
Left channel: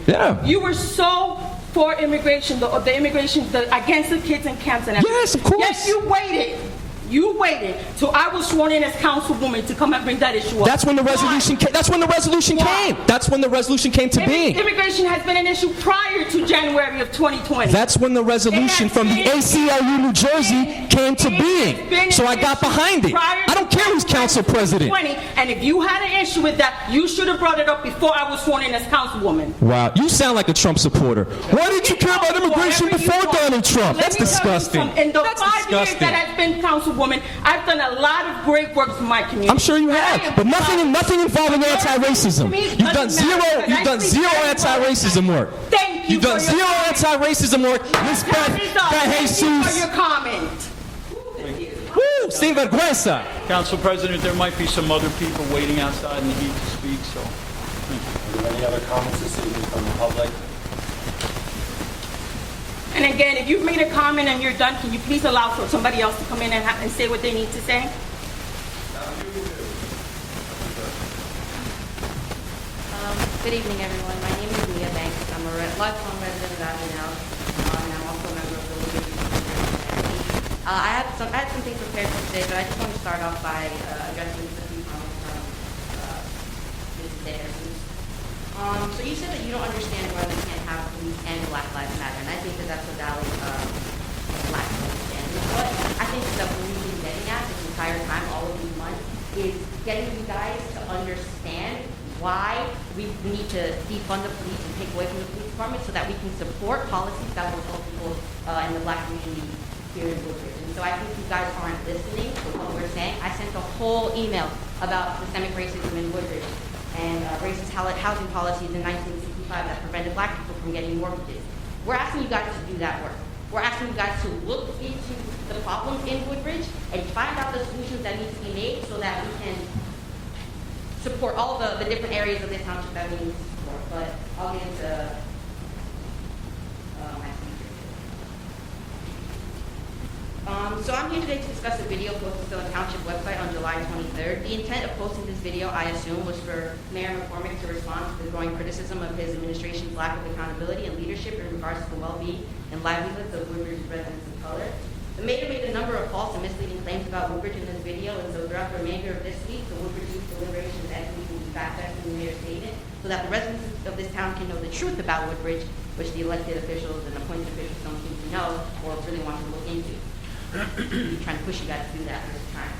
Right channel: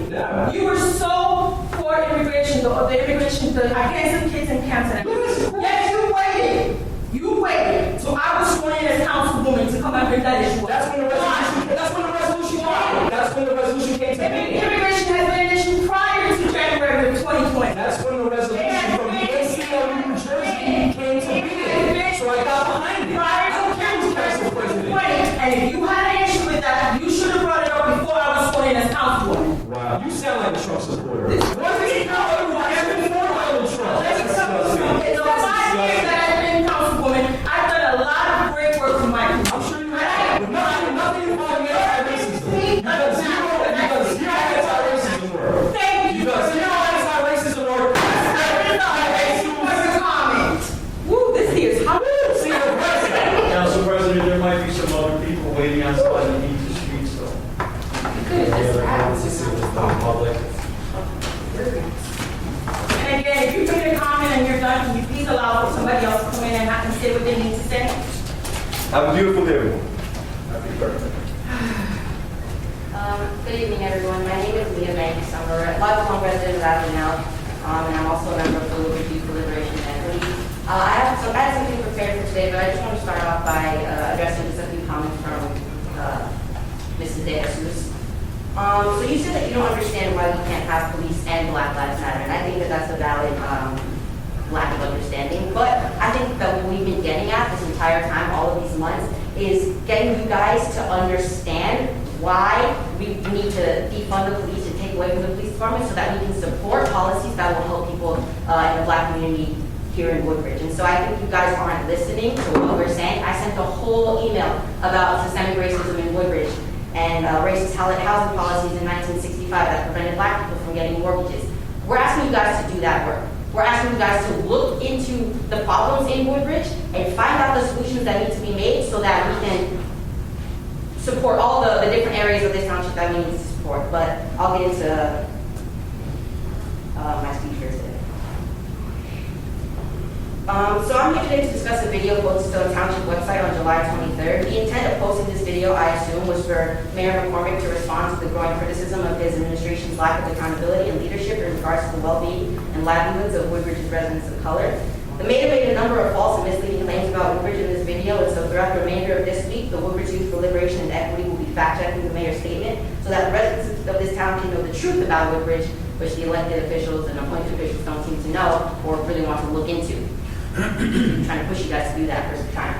Yeah. You were so for immigration, the immigration, against the kids in camps and everything. Yes, of course. Yes, you waited. You waited till I was sworn in as councilwoman to come and bring that issue up. That's when the resolution came. That's when the resolution came. That's when the resolution came to be. Immigration has been an issue prior to January of 2020. That's when the resolution from the ACLU New Jersey came to being. So I got behind it. I don't care who's council president. And if you had an issue with that, you should have brought it up before I was sworn in as councilwoman. Wow, you sound like a Trump supporter. Why did you care about immigration before Donald Trump? That's disgusting. In the 5 years that I've been councilwoman, I've done a lot of great work for my community. I'm sure you have, but nothing involving anti-racism. You've done zero anti-racism work. You've done zero anti-racism work. Respect by Jesus. Woo, this here is hot. Woo, Steve aggressive. Council President, there might be some other people waiting outside that need to speak, so. Any other comments to see from the public? And again, if you've made a comment and you're done, can you please allow for somebody else to come in and say what they need to say? Have a beautiful day, everyone. Good evening, everyone. My name is Leah Banks. I'm a lifelong resident of Avenel, and I'm also a member of the Woodbridge Deliberation Committee. I have something prepared for today, but I just want to start off by addressing just a few comments from Mrs. De Jesus. So you said that you don't understand why we can't have police and Black Lives Matter, and I think that that's a valid lack of understanding. But I think that what we've been getting at this entire time, all of these months, is getting you guys to understand why we need to defund the police and take away from the police department so that we can support policies that will help people in the Black community here in Woodbridge. And so I think you guys aren't listening to what we're saying. I sent a whole email about systemic racism in Woodbridge and racist housing policies in 1965 that prevented Black people from getting mortgages. We're asking you guys to do that work. We're asking you guys to look into the problems in Woodbridge and find out the solutions that need to be made so that we can support all the different areas of this township that we need to support. But I'll get into my speech for today. So I'm here today to discuss a video posted on the township website on July 23rd. The intent of posting this video, I assume, was for Mayor McCormick to respond to the growing criticism of his administration's lack of accountability and leadership in regards to the well-being and livelihoods of Woodbridge's residents of color. The mayor made a number of false and misleading claims about Woodbridge in this video, and so throughout the remainder of this week, the Woodbridge Youth for Liberation and Equity will be fact-checking the mayor's statement so that the residents of this town can know the truth about Woodbridge, which the elected officials and appointed officials don't seem to know or really want to look into. I'm trying to push you guys to do that first time.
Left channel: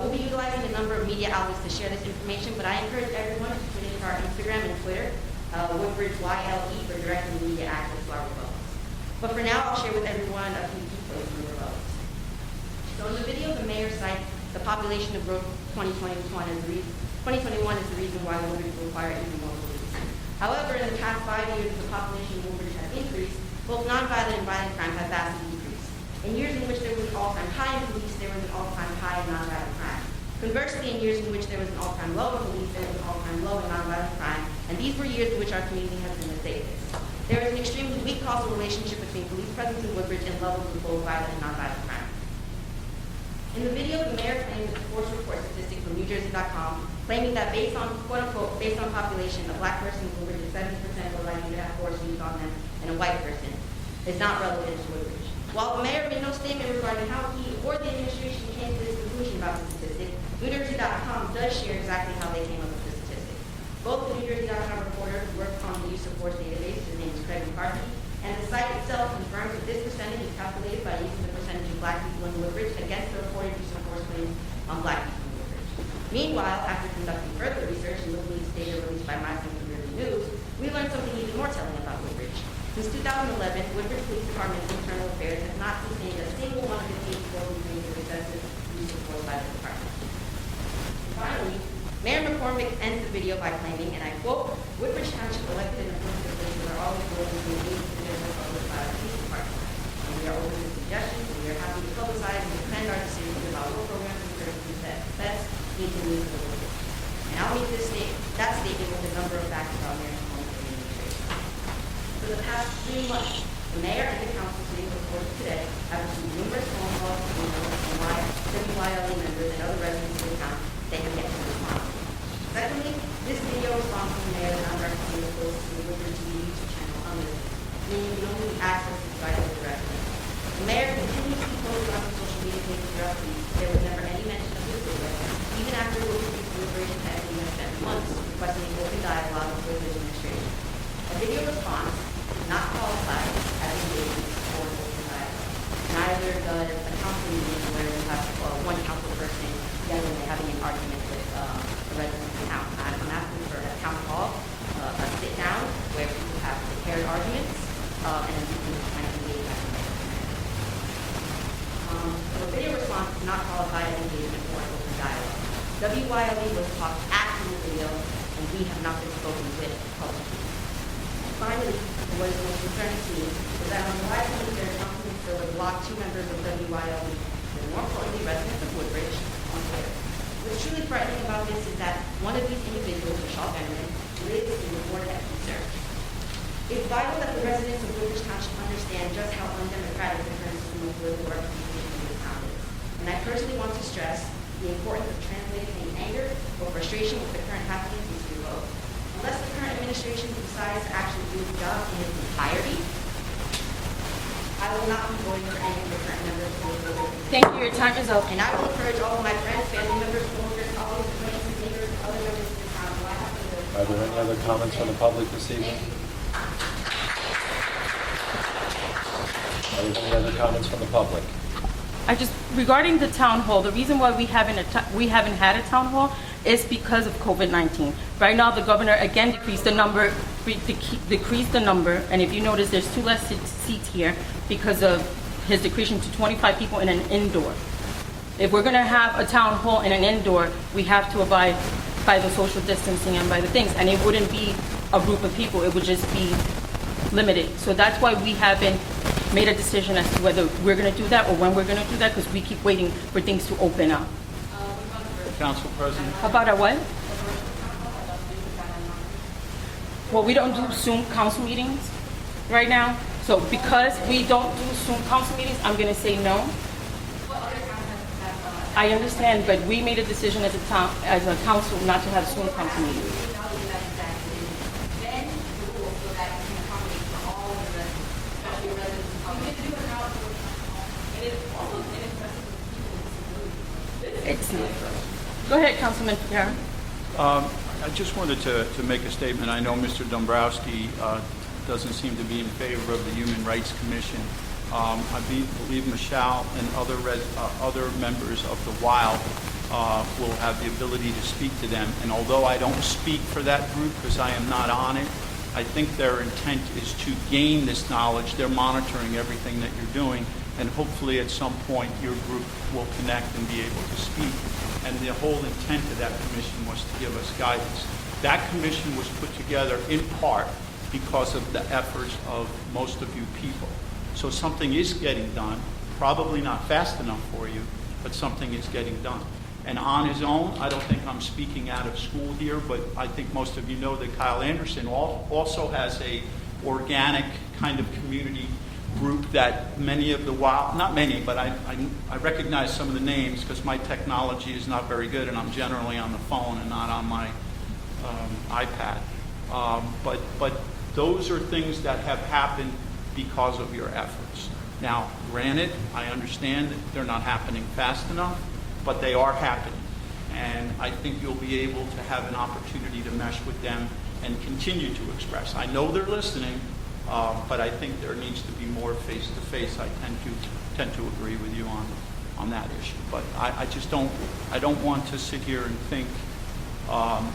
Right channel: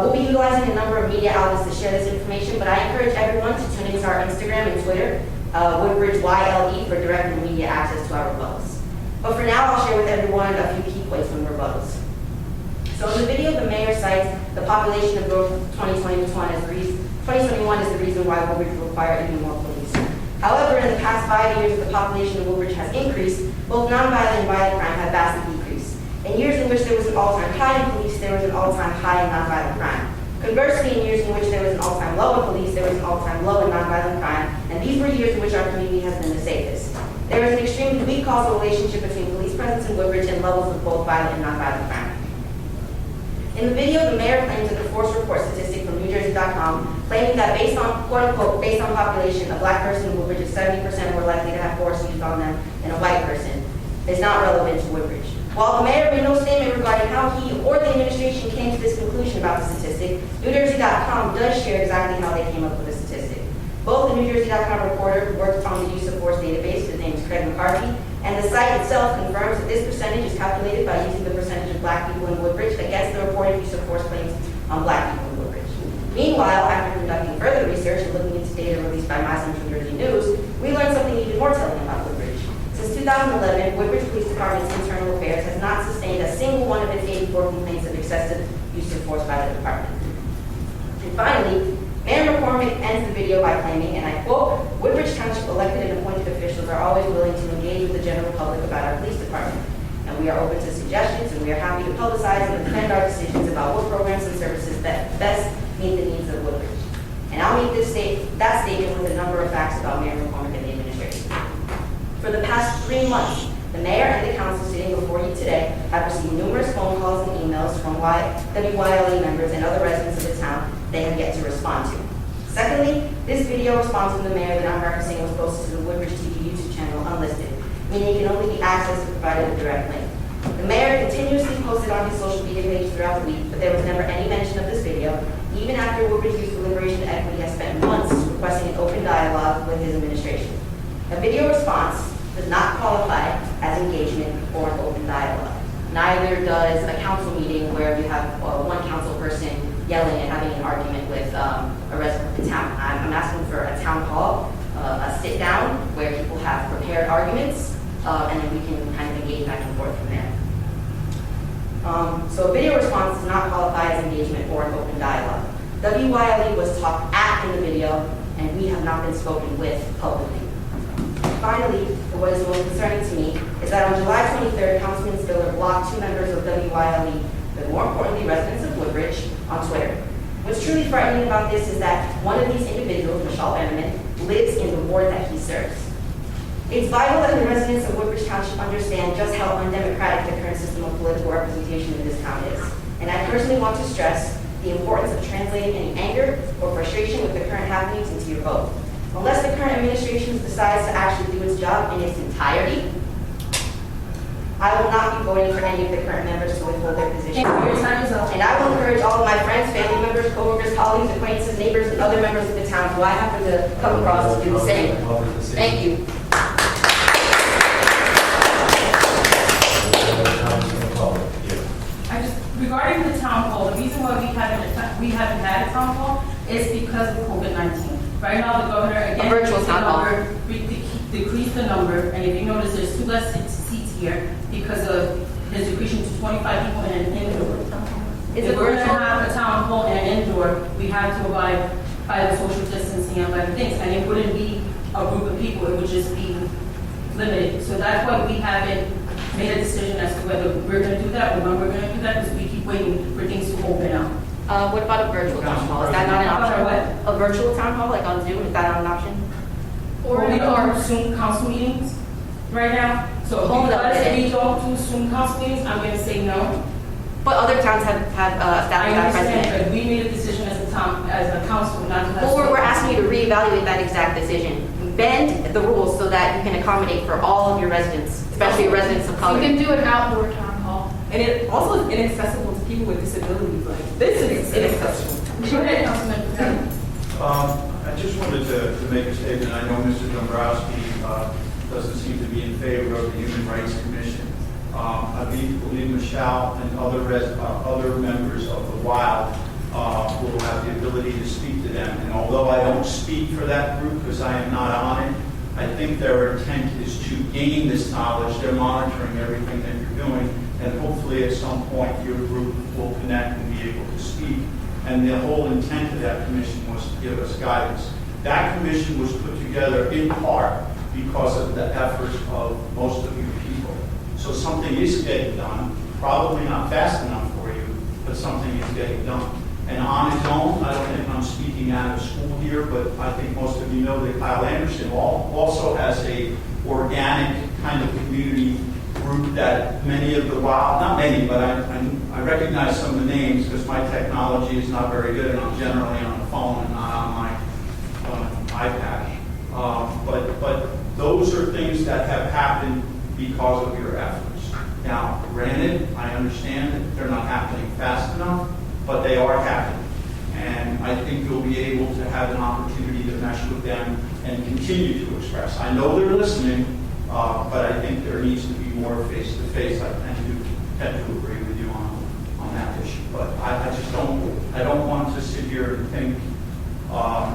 We'll be utilizing a number of media outlets to share this information, but I encourage everyone to tune into our Instagram and Twitter, Woodbridge YLE, for direct and media access to our rebuttals. But for now, I'll share with everyone a few key points from the rebuttals. So in the video, the mayor cites the population of growth 2021 as the reason why Woodbridge will require even more police. However, in the past 5 years, the population of Woodbridge has increased. Both nonviolent and violent crime have vastly decreased. In years in which there was an all-time high in police, there was an all-time high in nonviolent crime. Conversely, in years in which there was an all-time low in police, there was an all-time low in nonviolent crime, and these were years in which our community has been the safest. There is an extremely weak causal relationship between police presence in Woodbridge and levels of both violent and nonviolent crime. In the video, the mayor claims that the force report statistic from NewJersey.com, claiming that based on, quote-unquote, based on population, a Black person in Woodbridge is 70% more likely to have force used on them than a white person, is not relevant to Woodbridge. While the mayor made no statement regarding how he or the administration came to this conclusion about the statistic, NewJersey.com does share exactly how they came up with the statistic. Both the NewJersey.com reporter who worked on the use of force database, his name is Craig McCarthy, and the site itself confirms that this percentage is calculated by using the percentage of Black people in Woodbridge against the reported use of force claims on Black people in Woodbridge. Meanwhile, after conducting further research and looking into data released by Mass and New Jersey News, we learned something even more telling about Woodbridge. Since 2011, Woodbridge Police Department's internal affairs has not sustained a single one of its 84 complaints of excessive use of force by the department. And finally, Mayor McCormick ends the video by claiming, and I quote, Woodbridge Township elected and appointed officials are always willing to engage with the general public about our police department. And we are open to suggestions, and we are happy to publicize and defend our decisions about what programs and services that best meet the needs of Woodbridge. And I'll make that statement with a number of facts about Mayor McCormick and the administration. For the past 3 months, the mayor and the council sitting before you today have received numerous phone calls and emails from WYLE members and other residents of the town they have yet to respond to. Secondly, this video response from the mayor that I'm referencing was posted to the Woodbridge TV meaning it can only be accessed if provided with direct link. The mayor continuously posted on his social media page throughout the week, but there was never any mention of this video, even after Woodbridge Youth Deliberation Equity has spent months requesting open dialogue with his administration. A video response does not qualify as engagement or open dialogue. Neither does a council meeting where we have one council person yelling and having an argument with a resident of the town. I'm asking for a town hall, a sit down where people have prepared arguments, and then we can kind of engage back and forth from there. So a video response does not qualify as engagement or an open dialogue. WYLE was talked at in the video, and we have not been spoken with publicly. Finally, what is most concerning to me is that on July 23rd, Councilman Stiller blocked 2 members of WYLE, but more importantly, residents of Woodbridge, on Twitter. What's truly frightening about this is that one of these individuals, Michelle Benjamin, lives in the ward that he serves. It's vital that the residents of Woodbridge Township understand just how undemocratic the current system of political representation in this town is. And I personally want to stress the importance of translating any anger or frustration with the current happenings into your vote. Unless the current administration decides to actually do its job in its entirety, I will not be voting for any of the current members to withhold their position. Thank you. Your time is up. And I will encourage all of my friends, family members, co-workers, colleagues, acquaintances, neighbors, and other members of the town who I happen to come across to do the same. Thank you. Regarding the town hall, the reason why we haven't had a town hall is because of COVID-19. Right now, the governor again decreased the number, and if you notice, there's 2 less seats here because of his decreasing to 25 people in an indoor. If we're going to have a town hall in an indoor, we have to abide by the social distancing and by the things, and it wouldn't be a group of people, it would just be limited. So that's why we haven't made a decision as to whether we're going to do that or when we're going to do that, because we keep waiting for things to open up. What about a virtual town hall? Is that not an About option? a what? A virtual town hall, like on Zoom, is that not an option? Well, we don't do Zoom council meetings right now, so because we don't do Zoom council meetings, I'm going to say no. But other towns have I understand, but we made a decision as a town, as a council, not to have. Well, we're asking you to reevaluate that exact decision. Bend the rules so that you can accommodate for all of your residents, especially residents of color. You can do an outdoor town hall. And it also is inaccessible to people with disabilities. Like this is inaccessible. Go ahead, Councilman. Yeah. I just wanted to make a statement. I know Mr. Dombrowski doesn't seem to be in favor of the Human Rights Commission. I believe Michelle and other members of the WILD will have the ability to speak to them. And although I don't speak for that group because I am not on it, I think their intent is to gain this knowledge. They're monitoring everything that you're doing, and hopefully at some point your group will connect and be able to speak. And the whole intent of that commission was to give us guidance. That commission was put together in part because of the efforts of most of your people. So something is getting done, probably not fast enough for you, but something is getting done. And on his own, I don't think I'm speaking out of school here, but I think most of you know that Kyle Anderson also has a organic kind of community group that many of the not many, but I recognize some of the names because my technology is not very good and I'm generally on the phone and not on my iPad. But those are things that have happened because of your efforts. Now, granted, I understand that they're not happening fast enough, but they are happening. And I think you'll be able to have an opportunity to mesh with them and continue to express. I know they're listening, but I think there needs to be more face-to-face. I tend to agree with you on that issue. But I just don't want to sit here and think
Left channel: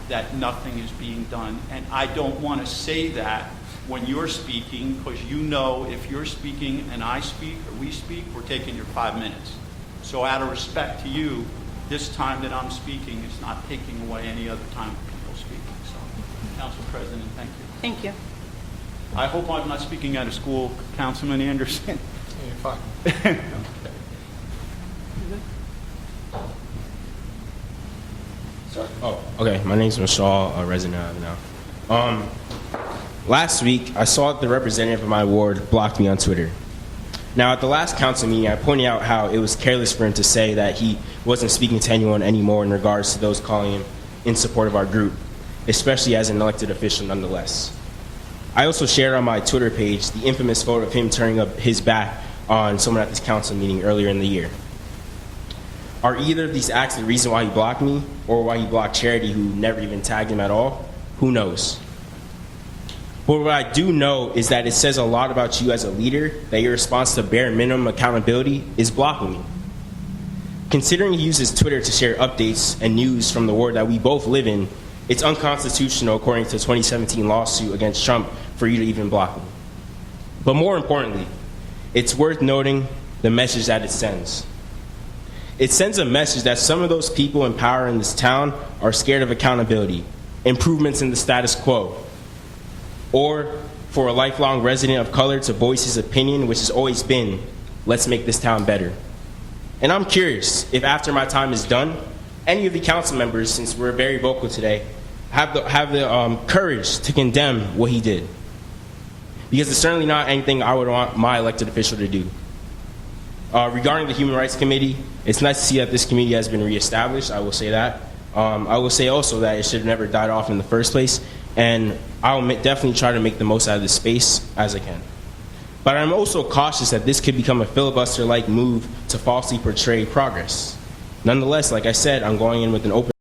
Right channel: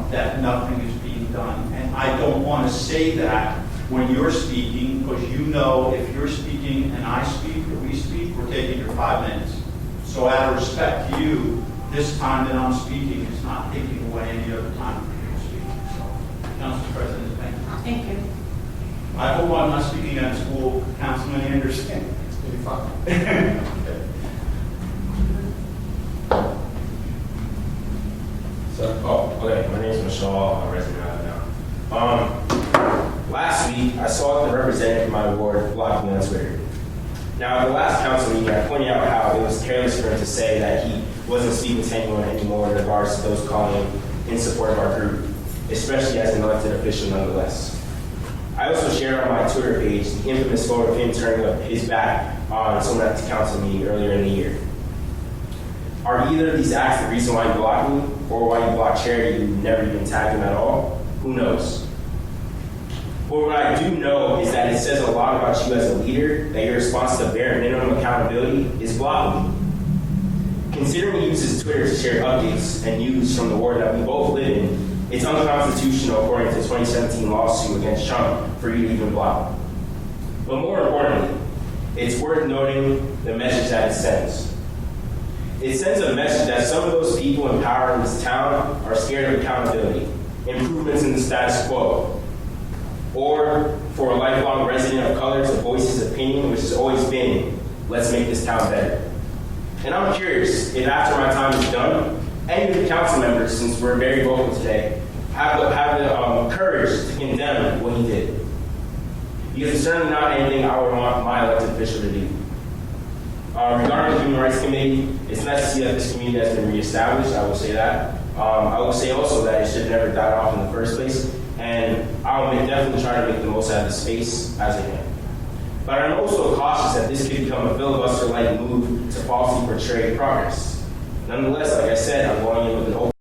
that nothing is being done. And I don't want to say that when you're speaking, because you know if you're speaking and I speak or we speak, we're taking your 5 minutes. So out of respect to you, this time that I'm speaking is not taking away any other time that you're speaking. So, Council President, thank you. Thank you. I hope I'm not speaking out of school, Councilman Anderson. You're fine. Okay. My name's Michelle, a resident now. Last week, I saw that the representative of my ward blocked me on Twitter. Now, at the last council meeting, I pointed out how it was careless for him to say that he wasn't speaking to anyone anymore in regards to those calling him in support of our group, especially as an elected official nonetheless. I also shared on my Twitter page the infamous photo of him turning up his back on someone at this council meeting earlier in the year. Are either of these acts the reason why he blocked me, or why he blocked Charity, who never even tagged him at all? Who knows? But what I do know is that it says a lot about you as a leader that your response to bare minimum accountability is blocking me. Considering he uses Twitter to share updates and news from the ward that we both live in, it's unconstitutional according to the 2017 lawsuit against Trump for you to even block him. But more importantly, it's worth noting the message that it sends. It sends a message that some of those people in power in this town are scared of accountability, improvements in the status quo, or for a lifelong resident of color to voice his opinion, which has always been, let's make this town better. And I'm curious if after my time is done, any of the council members, since we're very vocal today, have the courage to condemn what he did. Because it's certainly not anything I would want my elected official to do. Regarding the Human Rights Committee, it's nice to see that this committee has been reestablished, I will say that. I will say also that it should have never died off in the first place, and I'll definitely try to make the most out of this space as I can. But I'm also cautious that this could become a filibuster-like move to falsely portray progress. Nonetheless, like I said, I'm going in with an open